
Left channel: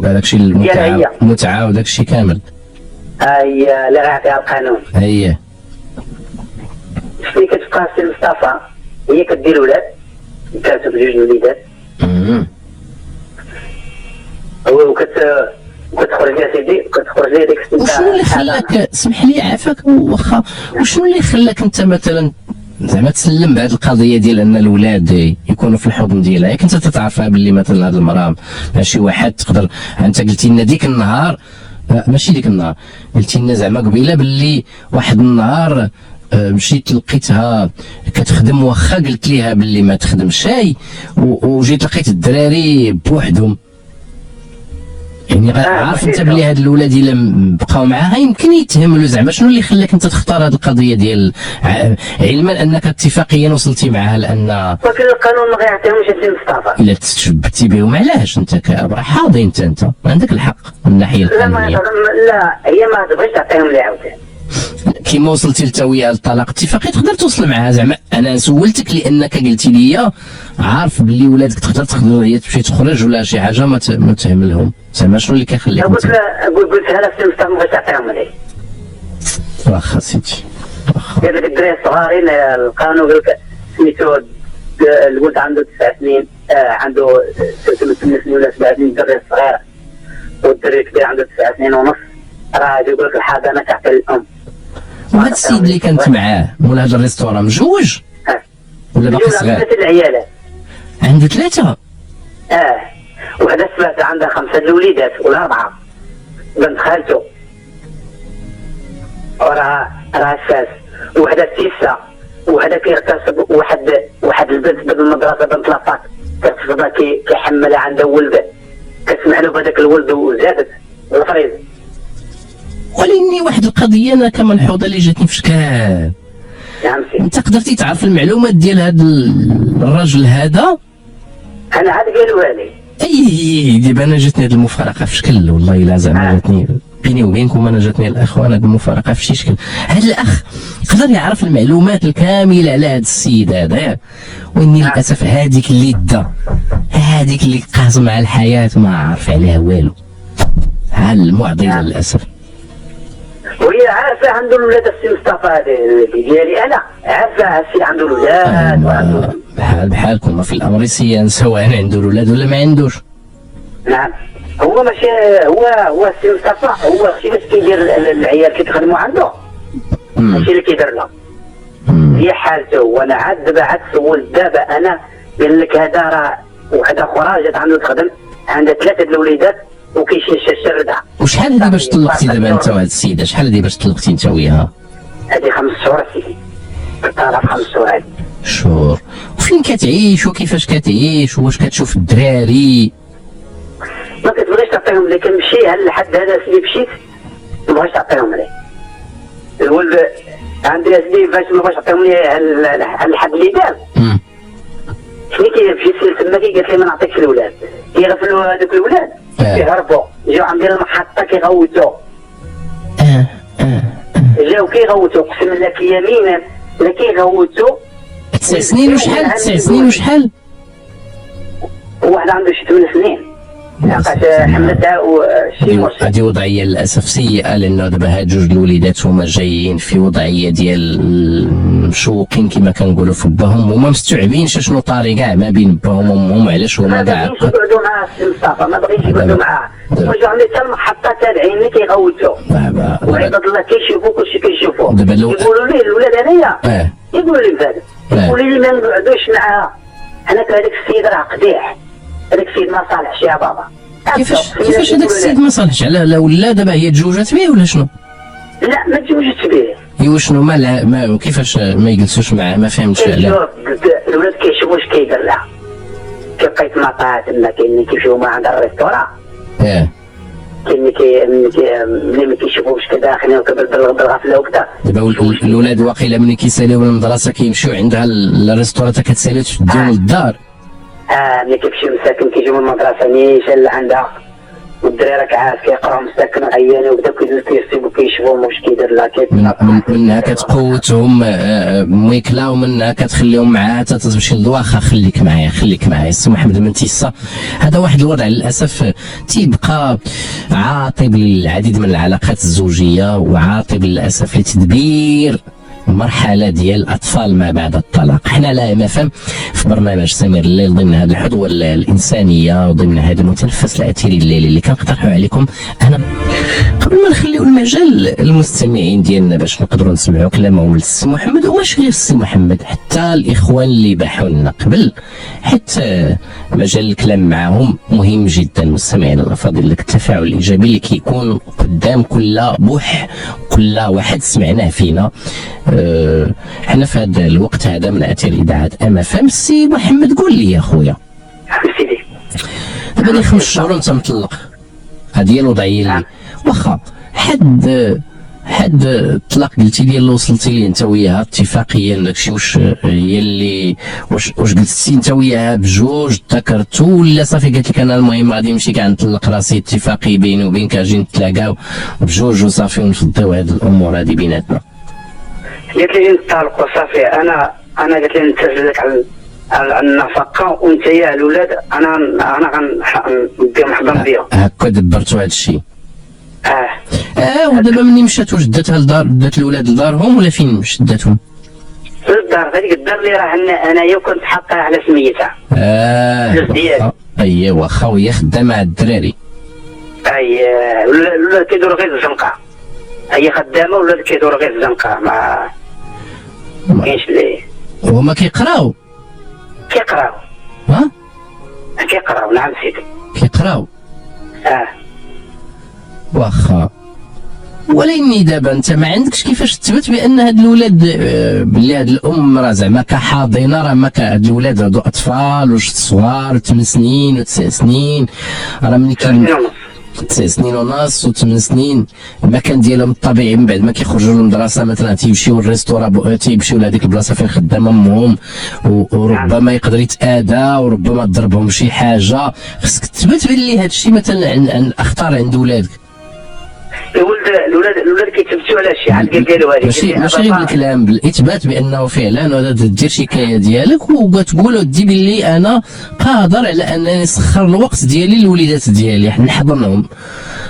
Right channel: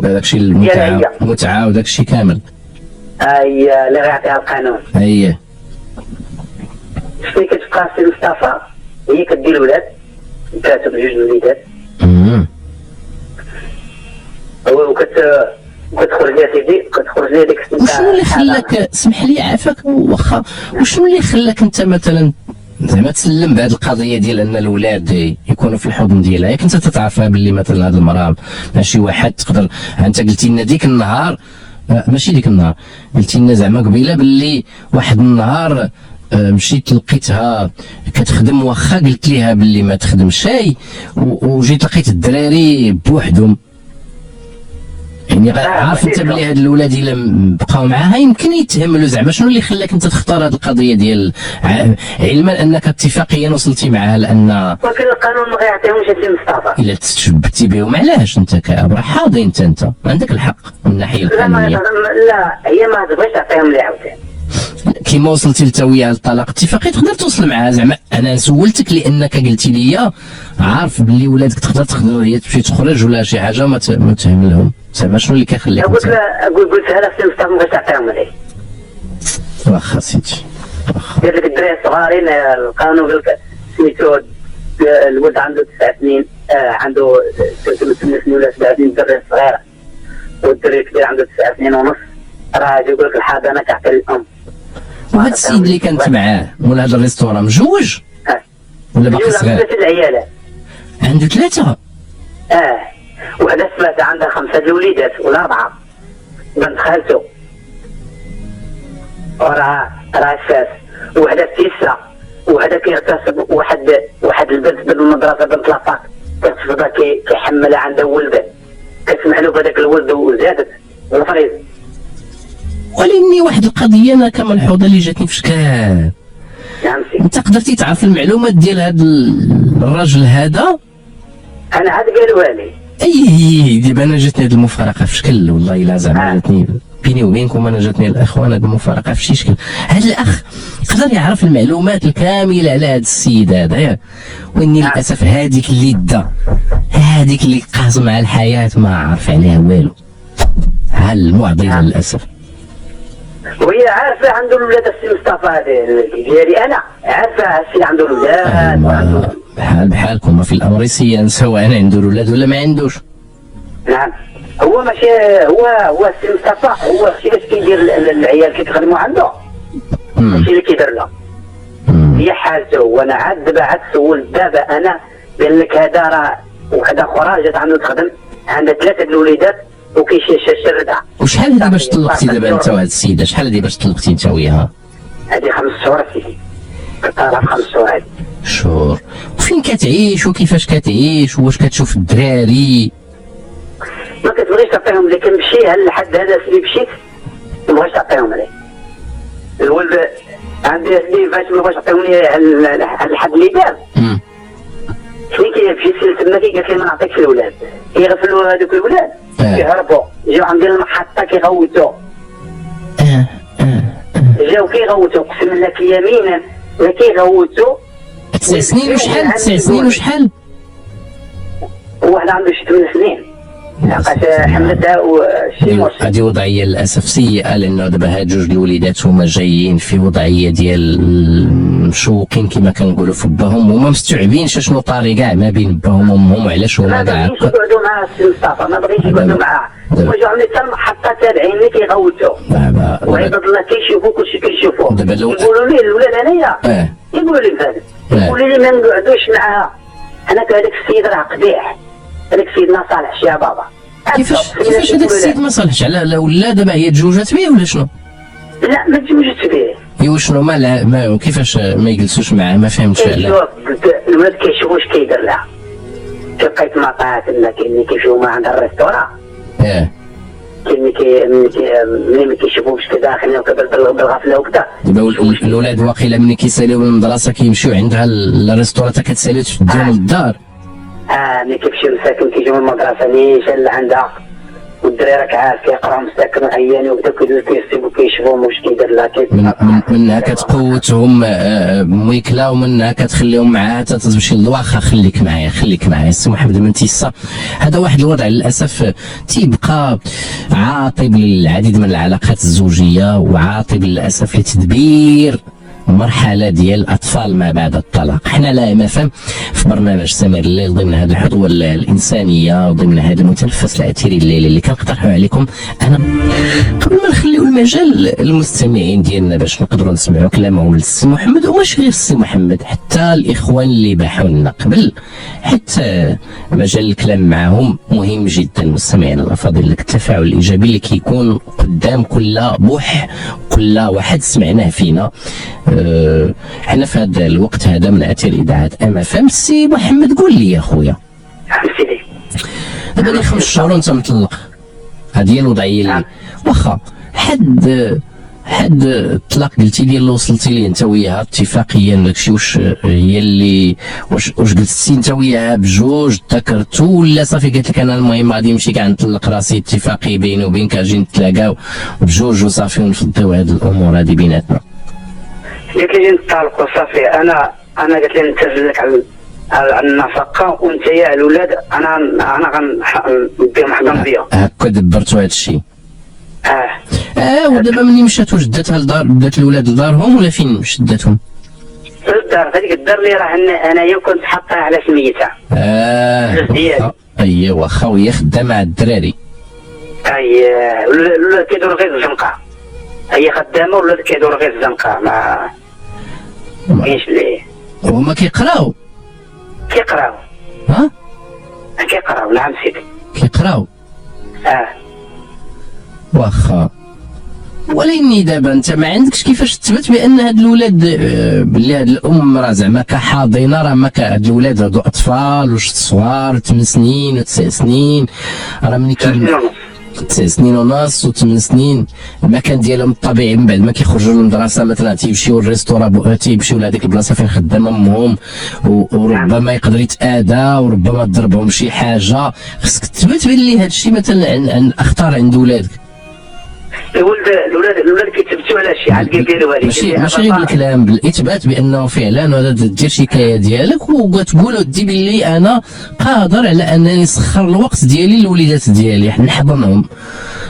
داكشي المتعه وداكشي كامل. اييه اللي غيعطيها القانون. اييه شنو كتبقى سي مصطفى هي كدير الولاد كاتب جوج الوليدات وكتخرج يا سيدي كتخرج لي ديك السنه. وشنو اللي خلاك سمح لي عافاك واخا وشنو اللي خلاك انت مثلا زعما تسلم بهذه القضيه ديال ان الاولاد يكونوا في الحضن ديالها؟ ياك انت تتعرفها باللي مثلا هذه المراه ماشي واحد تقدر. انت قلتي لنا ديك النهار ماشي ديك النهار قلتي لنا زعما قبيله باللي واحد النهار مشيت لقيتها كتخدم واخا قلت ليها باللي ما تخدمش شاي وجيت لقيت الدراري بوحدهم. يعني عارف انت بلي هاد الاولاد الا بقاو معاها يمكن يتهملوا. زعما شنو اللي خلاك انت تختار هاد القضيه ديال علما انك اتفاقيا وصلتي معاها لان ولكن القانون ما غيعطيهمش سي مصطفى الا تشبتي بهم؟ علاش انت كابرا حاضي انت عندك الحق من الناحيه القانونيه. لا هي ما تبغيش تعطيهم لي عاوتاني. كيما وصلتي لتاوية للطلاق اتفاقي تقدر توصل معها. زعما انا سولتك لانك قلتي لي عارف باللي ولادك تقدر تخدم وهي تمشي تخرج ولا شي حاجه ما تهملهم. زعما شنو اللي كيخليك؟ قلت لها سي مصطفى ما بغيتش تعطيهم لي. واخا سيدي ديال ديك الدراري الصغارين القانون قال لك سميتو الولد عنده 9 سنين عنده 8 سنين ولا 7 سنين الدري الصغير والدري الكبير عنده 9 سنين ونص راه يقول لك الحضانه تعطي الام. وهذا السيد اللي كانت معاه مول هذا الريستوران مجوج ولا باقي صغير؟ عنده 3 العيالات. عنده 3؟ وحده ثلاثه عندها 5 الوليدات ولا 4 بنت خالته وراه الساس وحده 9 وحده كيغتصب واحد البنت بالمدرسه بنت لافاك كتفضل كيحملها عندها ولده كتسمع له بهذاك الولد وزادت والفريض. ولكني واحد القضيه انا كملحوظه اللي جاتني في شكل انت قدرتي تعرف المعلومات ديال هذا الراجل هذا؟ انا عاد قالوها لي. اي دابا انا جاتني هذه المفارقه في شكل والله الا زعما جاتني بيني وبينكم انا جاتني الاخوان هذه المفارقه في شي شكل. هذا الاخ قدر يعرف المعلومات الكامله على هذا السيد هذا ياك. واني للاسف هذيك اللي هذيك اللي قاسم مع الحياه ما عارف عليها والو. ها المعضله للاسف. وهي عارفه عنده الولاد السي مصطفى هذا ديالي انا عارفه السي عنده الولاد بحالكم في الامر سيان سواء عنده الولاد ولا ما عندوش. نعم هو ماشي هو السي مصطفى هو الشيء باش كيدير العيال كيخدموا عنده ماشي اللي كيدير لهم. هي حالته وانا عاد دابا عاد سولت دابا انا قال لك هذا راه وحده اخرى جات عنده تخدم عندها 3 الوليدات وكيشي الشردة. وشحال هذه باش طلقتي دابا انت وهاد السيده؟ شحال هذه باش طلقتي انت وياها؟ هذه 5 شهور سيدي. طالع 5 شهور هذه. شهور. وفين كتعيش وكيفاش كتعيش واش كتشوف الدراري؟ ما كتبغيش تعطيهم لك كنمشي لحد هذا اللي مشيت ما بغيتش تعطيهم لي. الولد عندي سنين فاش ما بغاش تعطيهم لي على الحد اللي دار. ملي كيمشي تما قالت لي ما نعطيكش الولاد. كيغفلوا هذوك الولاد كيهربوا جاو عند المحطه كيغوتوا. جاو كيغوتوا اقسم لك يمينا لا كيغوتوا. 9 سنين وشحال؟ 9 سنين وشحال؟ واحد عنده شي 8 سنين. لقات حملتها وشي هذه وضعيه للاسف سيئه لانه دابا هاد جوج الوليدات هما جايين في وضعيه ديال مشوقين كما كنقولوا في باهم هما مستوعبين شنو طاري كاع ما بين باهم وامهم علاش هما كاع هكا. ما يقعدوا مع السي مصطفى ما بغيتش يقعدوا معاه. هما جاو عند حتى المحطه تابعين اللي كيغوتوا. وعباد الله كيشوفوا كلشي كيشوفوا. يقولوا ليه الولاد انايا يقولوا لي فهد يقولوا لي ما نقعدوش معاها. انا هذاك السيد راه قبيح. هذاك السيد ما صالحش يا بابا. كيفاش هذاك السيد ما صالحش؟ على ولا دابا هي تزوجات به ولا شنو؟ لا ما تزوجتش به. ايوا شنو ما كيفاش ما يجلسوش معاه؟ ما فهمتش علاه. الولاد كيشوفوا اش كيدير لها، كيبقى يتما طاعت تما. كاين اللي كيمشيو مع عند الريستورا، كاين اللي ما كيشوفوش كداخلين بالغفله وكذا. دابا الاولاد واقيلا ملي كيساليو من المدرسه كيمشيو عندها الريستورا حتى كتساليو تديهم للدار. ملي كيمشيو مساكن كيجيو من المدرسه نيشان لعندها، والدراري كعارف كيقراو مساكن عيانين وبدا كيسيبو كيشوفوهم واش كيدير لها. منها كتقوتهم ميكلا، ومنها كتخليهم معاها حتى تمشي للواخا. خليك معايا السي محمد من تيسا. هذا واحد الوضع للاسف تيبقى عاطب للعديد من العلاقات الزوجيه، وعاطب للاسف لتدبير مرحلة ديال الأطفال ما بعد الطلاق. حنا لا MFM في برنامج سمير الليل ضمن هذه الحظوة الإنسانية وضمن هذا المتنفس الأثيري الليلي اللي كنقترحوا عليكم. أنا قبل ما نخليو المجال المستمعين ديالنا باش نقدروا نسمعوا كلامهم للسي محمد، وماشي غير السي محمد، حتى الإخوان اللي باحوا لنا قبل، حتى مجال الكلام معهم مهم جدا. مستمعينا الأفاضل، لك التفاعل الإيجابي اللي كيكون قدام كل بوح، كل واحد سمعناه فينا. حنا في هذا الوقت هذا من اثير اذاعه MFM. سي محمد قول لي يا خويا، سيدي دابا لي 5 شهور وانت مطلق، هذه هي الوضعيه اللي واخا حد الطلاق قلتي لي اللي وصلتي ليه انت وياها اتفاقيا داكشي، واش هي اللي واش جلستي انت وياها بجوج ذكرتو، ولا صافي قالت لك انا المهم غادي نمشي كاع نطلق راسي اتفاقي بيني وبينك اجي نتلاقاو بجوج وصافي ونفضيو هاد الامور هادي بيناتنا؟ قالت لي نطلقوا صافي. انا قالت لي نتسلك على النفقه، وانت يا الاولاد انا غنديهم حضن بيهم. هكا دبرتوا هذا الشيء؟ ودابا مني مشات واش داتها لدار، دات الاولاد لدارهم ولا فين مشات داتهم؟ للدار. هذيك الدار اللي راه انايا كنت حاطها على سميتها. ايوا واخا وهي خدامه مع الدراري. الولاد كيدوروا غير الزنقه، هي خدامه والولاد كيدوروا غير الزنقه. ما كاينش اللي هما كيقراو. كيقراو نعم سيدي كيقراو. واخا، ولكن دابا انت ما عندكش كيفاش تثبت بان هاد الولاد بلي هاد الام راه زعما كحاضنه، راه ما هاد الولاد هادو اطفال واش صغار 8 سنين و9 سنين، راه ملي كاين 9 سنين ونص و8 سنين المكان ديالهم الطبيعي من بعد ما كيخرجوا للمدرسه مثلا تيمشيو للريستورا، تيمشيو لهذيك البلاصه فين خدامه امهم، وربما يقدر يتاذى وربما تضربهم شي حاجه. خصك تثبت بلي هذا الشيء مثلا عن اخطار عند ولادك. الولاد كيتبتوا على شي حاجه قالوا هذيك ماشي بالكلام، بالاثبات بانه فعلا دير شكايه ديالك وتقول ودي بلي انا قادر على انني نسخر الوقت ديالي للوليدات ديالي نحضنهم،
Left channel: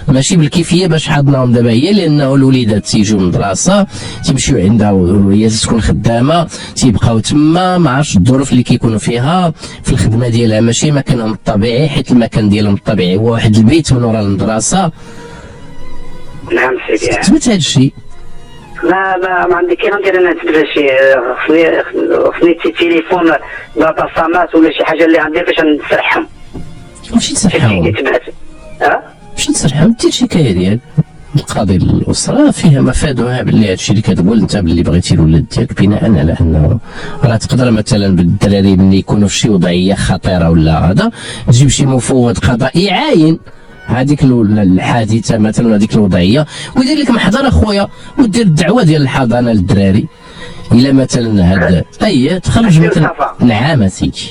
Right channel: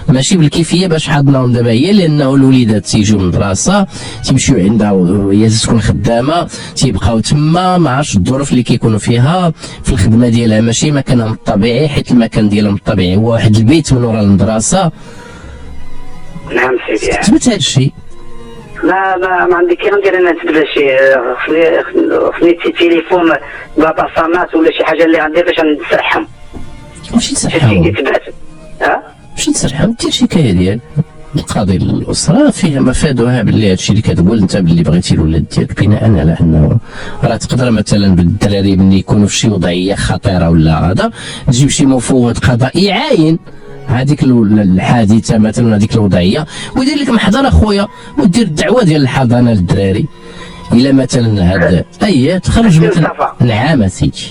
ماشي بالكيفيه باش حضناهم دابا هي، لانه الوليدات تيجيو من المدرسه تيمشيو عندها وهي تكون خدامه، تيبقاو تما ما عرفتش الظروف اللي كيكونوا فيها في الخدمه ديالها ماشي مكانهم الطبيعي، حيت المكان ديالهم الطبيعي هو واحد البيت من وراء المدرسه. نعم سيدي تثبت هذا الشيء. ما عندي كي غندير انا نثبت شي خصني تليفون باطاسامات ولا شي حاجه اللي عندي باش نسرحهم. ماشي تسرحهم، ماشي تسرحهم، دير شكايه ديال القاضي الاسره فيها مفادها باللي هادشي اللي كتقول انت باللي بغيتي الولاد ديالك، بناء على انه راه تقدر مثلا بالدراري ملي يكونوا في شي وضعيه خطيره ولا هذا تجيب شي مفوض قضائي يعاين هذيك الحادثه مثلا هذيك الوضعيه ويدير لك محضر اخويا، ودير الدعوه ديال الحضانه للدراري الا مثلا هذا تخرج مثلا. نعم سيدي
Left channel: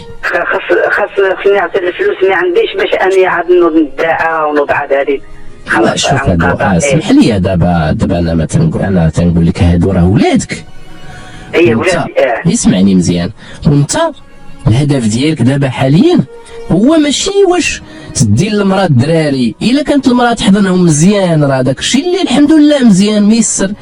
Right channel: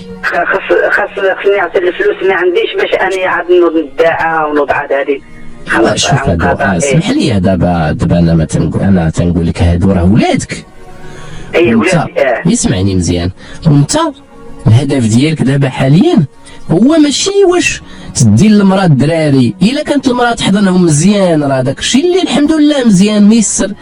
خصني نعطي الفلوس ما عنديش باش اني عاد ندعى ونوضع هذه. خلاص شوف هذا اسمح لي، دابا انا مثلا تنقول لك هادو راه ولادك. ولادي. يسمعني مزيان، وانت الهدف ديالك دابا حاليا هو ماشي واش تدي للمراه الدراري، الا كانت المراه تحضنهم مزيان راه داك الشيء اللي الحمد لله مزيان ميسر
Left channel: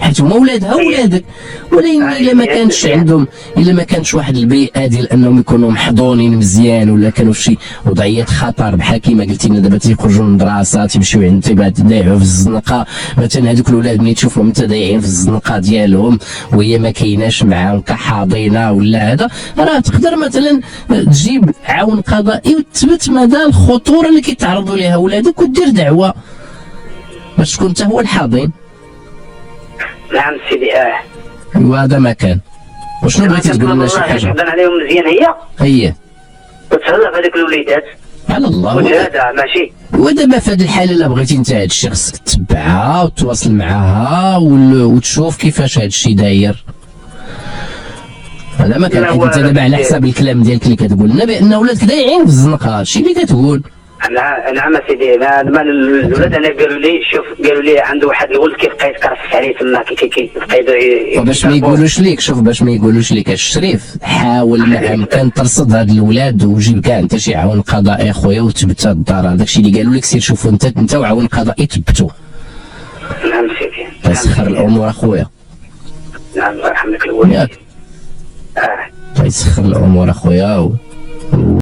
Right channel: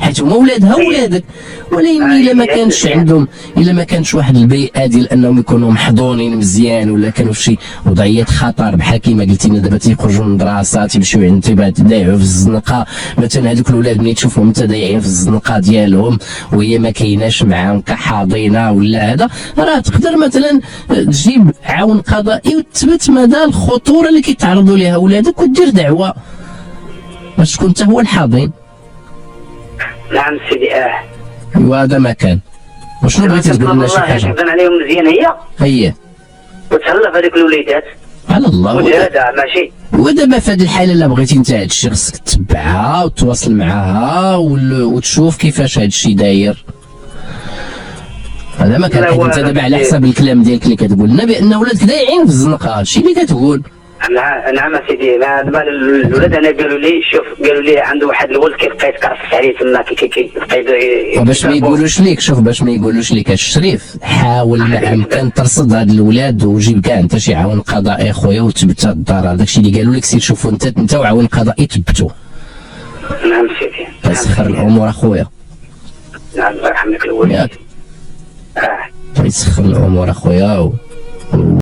حيت هما ولادها ولادك، ولكن الا ما كانش عندهم، الا ما كانش واحد البيئه ديال انهم يكونوا محضونين مزيان ولا كانوا في شي وضعيات خطر بحال كيما قلتي لنا دابا تيخرجوا من المدرسه تيمشيو عند تيضيعوا في الزنقه مثلا، هذوك الاولاد ملي تشوفهم انت ضايعين في الزنقه ديالهم وهي ما كايناش معاهم كحاضنه ولا هذا، راه تقدر مثلا تجيب عون قضائي وتثبت مدى الخطوره اللي كيتعرضوا لها ولادك ودير دعوه باش تكون انت هو الحاضن. نعم سيدي. وهذا ما كان. وشنو بغيتي تقول لنا شي والله حاجه؟ تحضن عليهم مزيان هي هي وتهلا في هذيك الوليدات على الله. وجهدها ماشي. ودابا في هذه الحاله الا بغيتي انت هذا الشيء خصك تتبعها وتواصل معاها وتشوف كيفاش هذا الشيء داير. هذا ما كان. حيت انت دابا على حسب الكلام ديالك اللي كتقول لنا بان ولادك دايعين في الزنقه، هادشي اللي كتقول. نعم سيدي. الولاد انا قالوا لي شوف، قالوا لي عنده واحد الولد كيبقى يتكرفس عليه تما كيبقى باش ما يقولوش ليك، شوف باش ما يقولوش ليك الشريف، حاول ما امكن ترصد هاد الولاد وجيب كاع انت شي عون قضائي اخويا وتثبت هاد الدار. هذاك الشيء اللي قالوا لك سير شوفوا انت وعون قضائي تثبتوا. نعم سيدي. تسخر الامور اخويا. نعم الله يرحم لك الوالد. يسخر الامور اخويا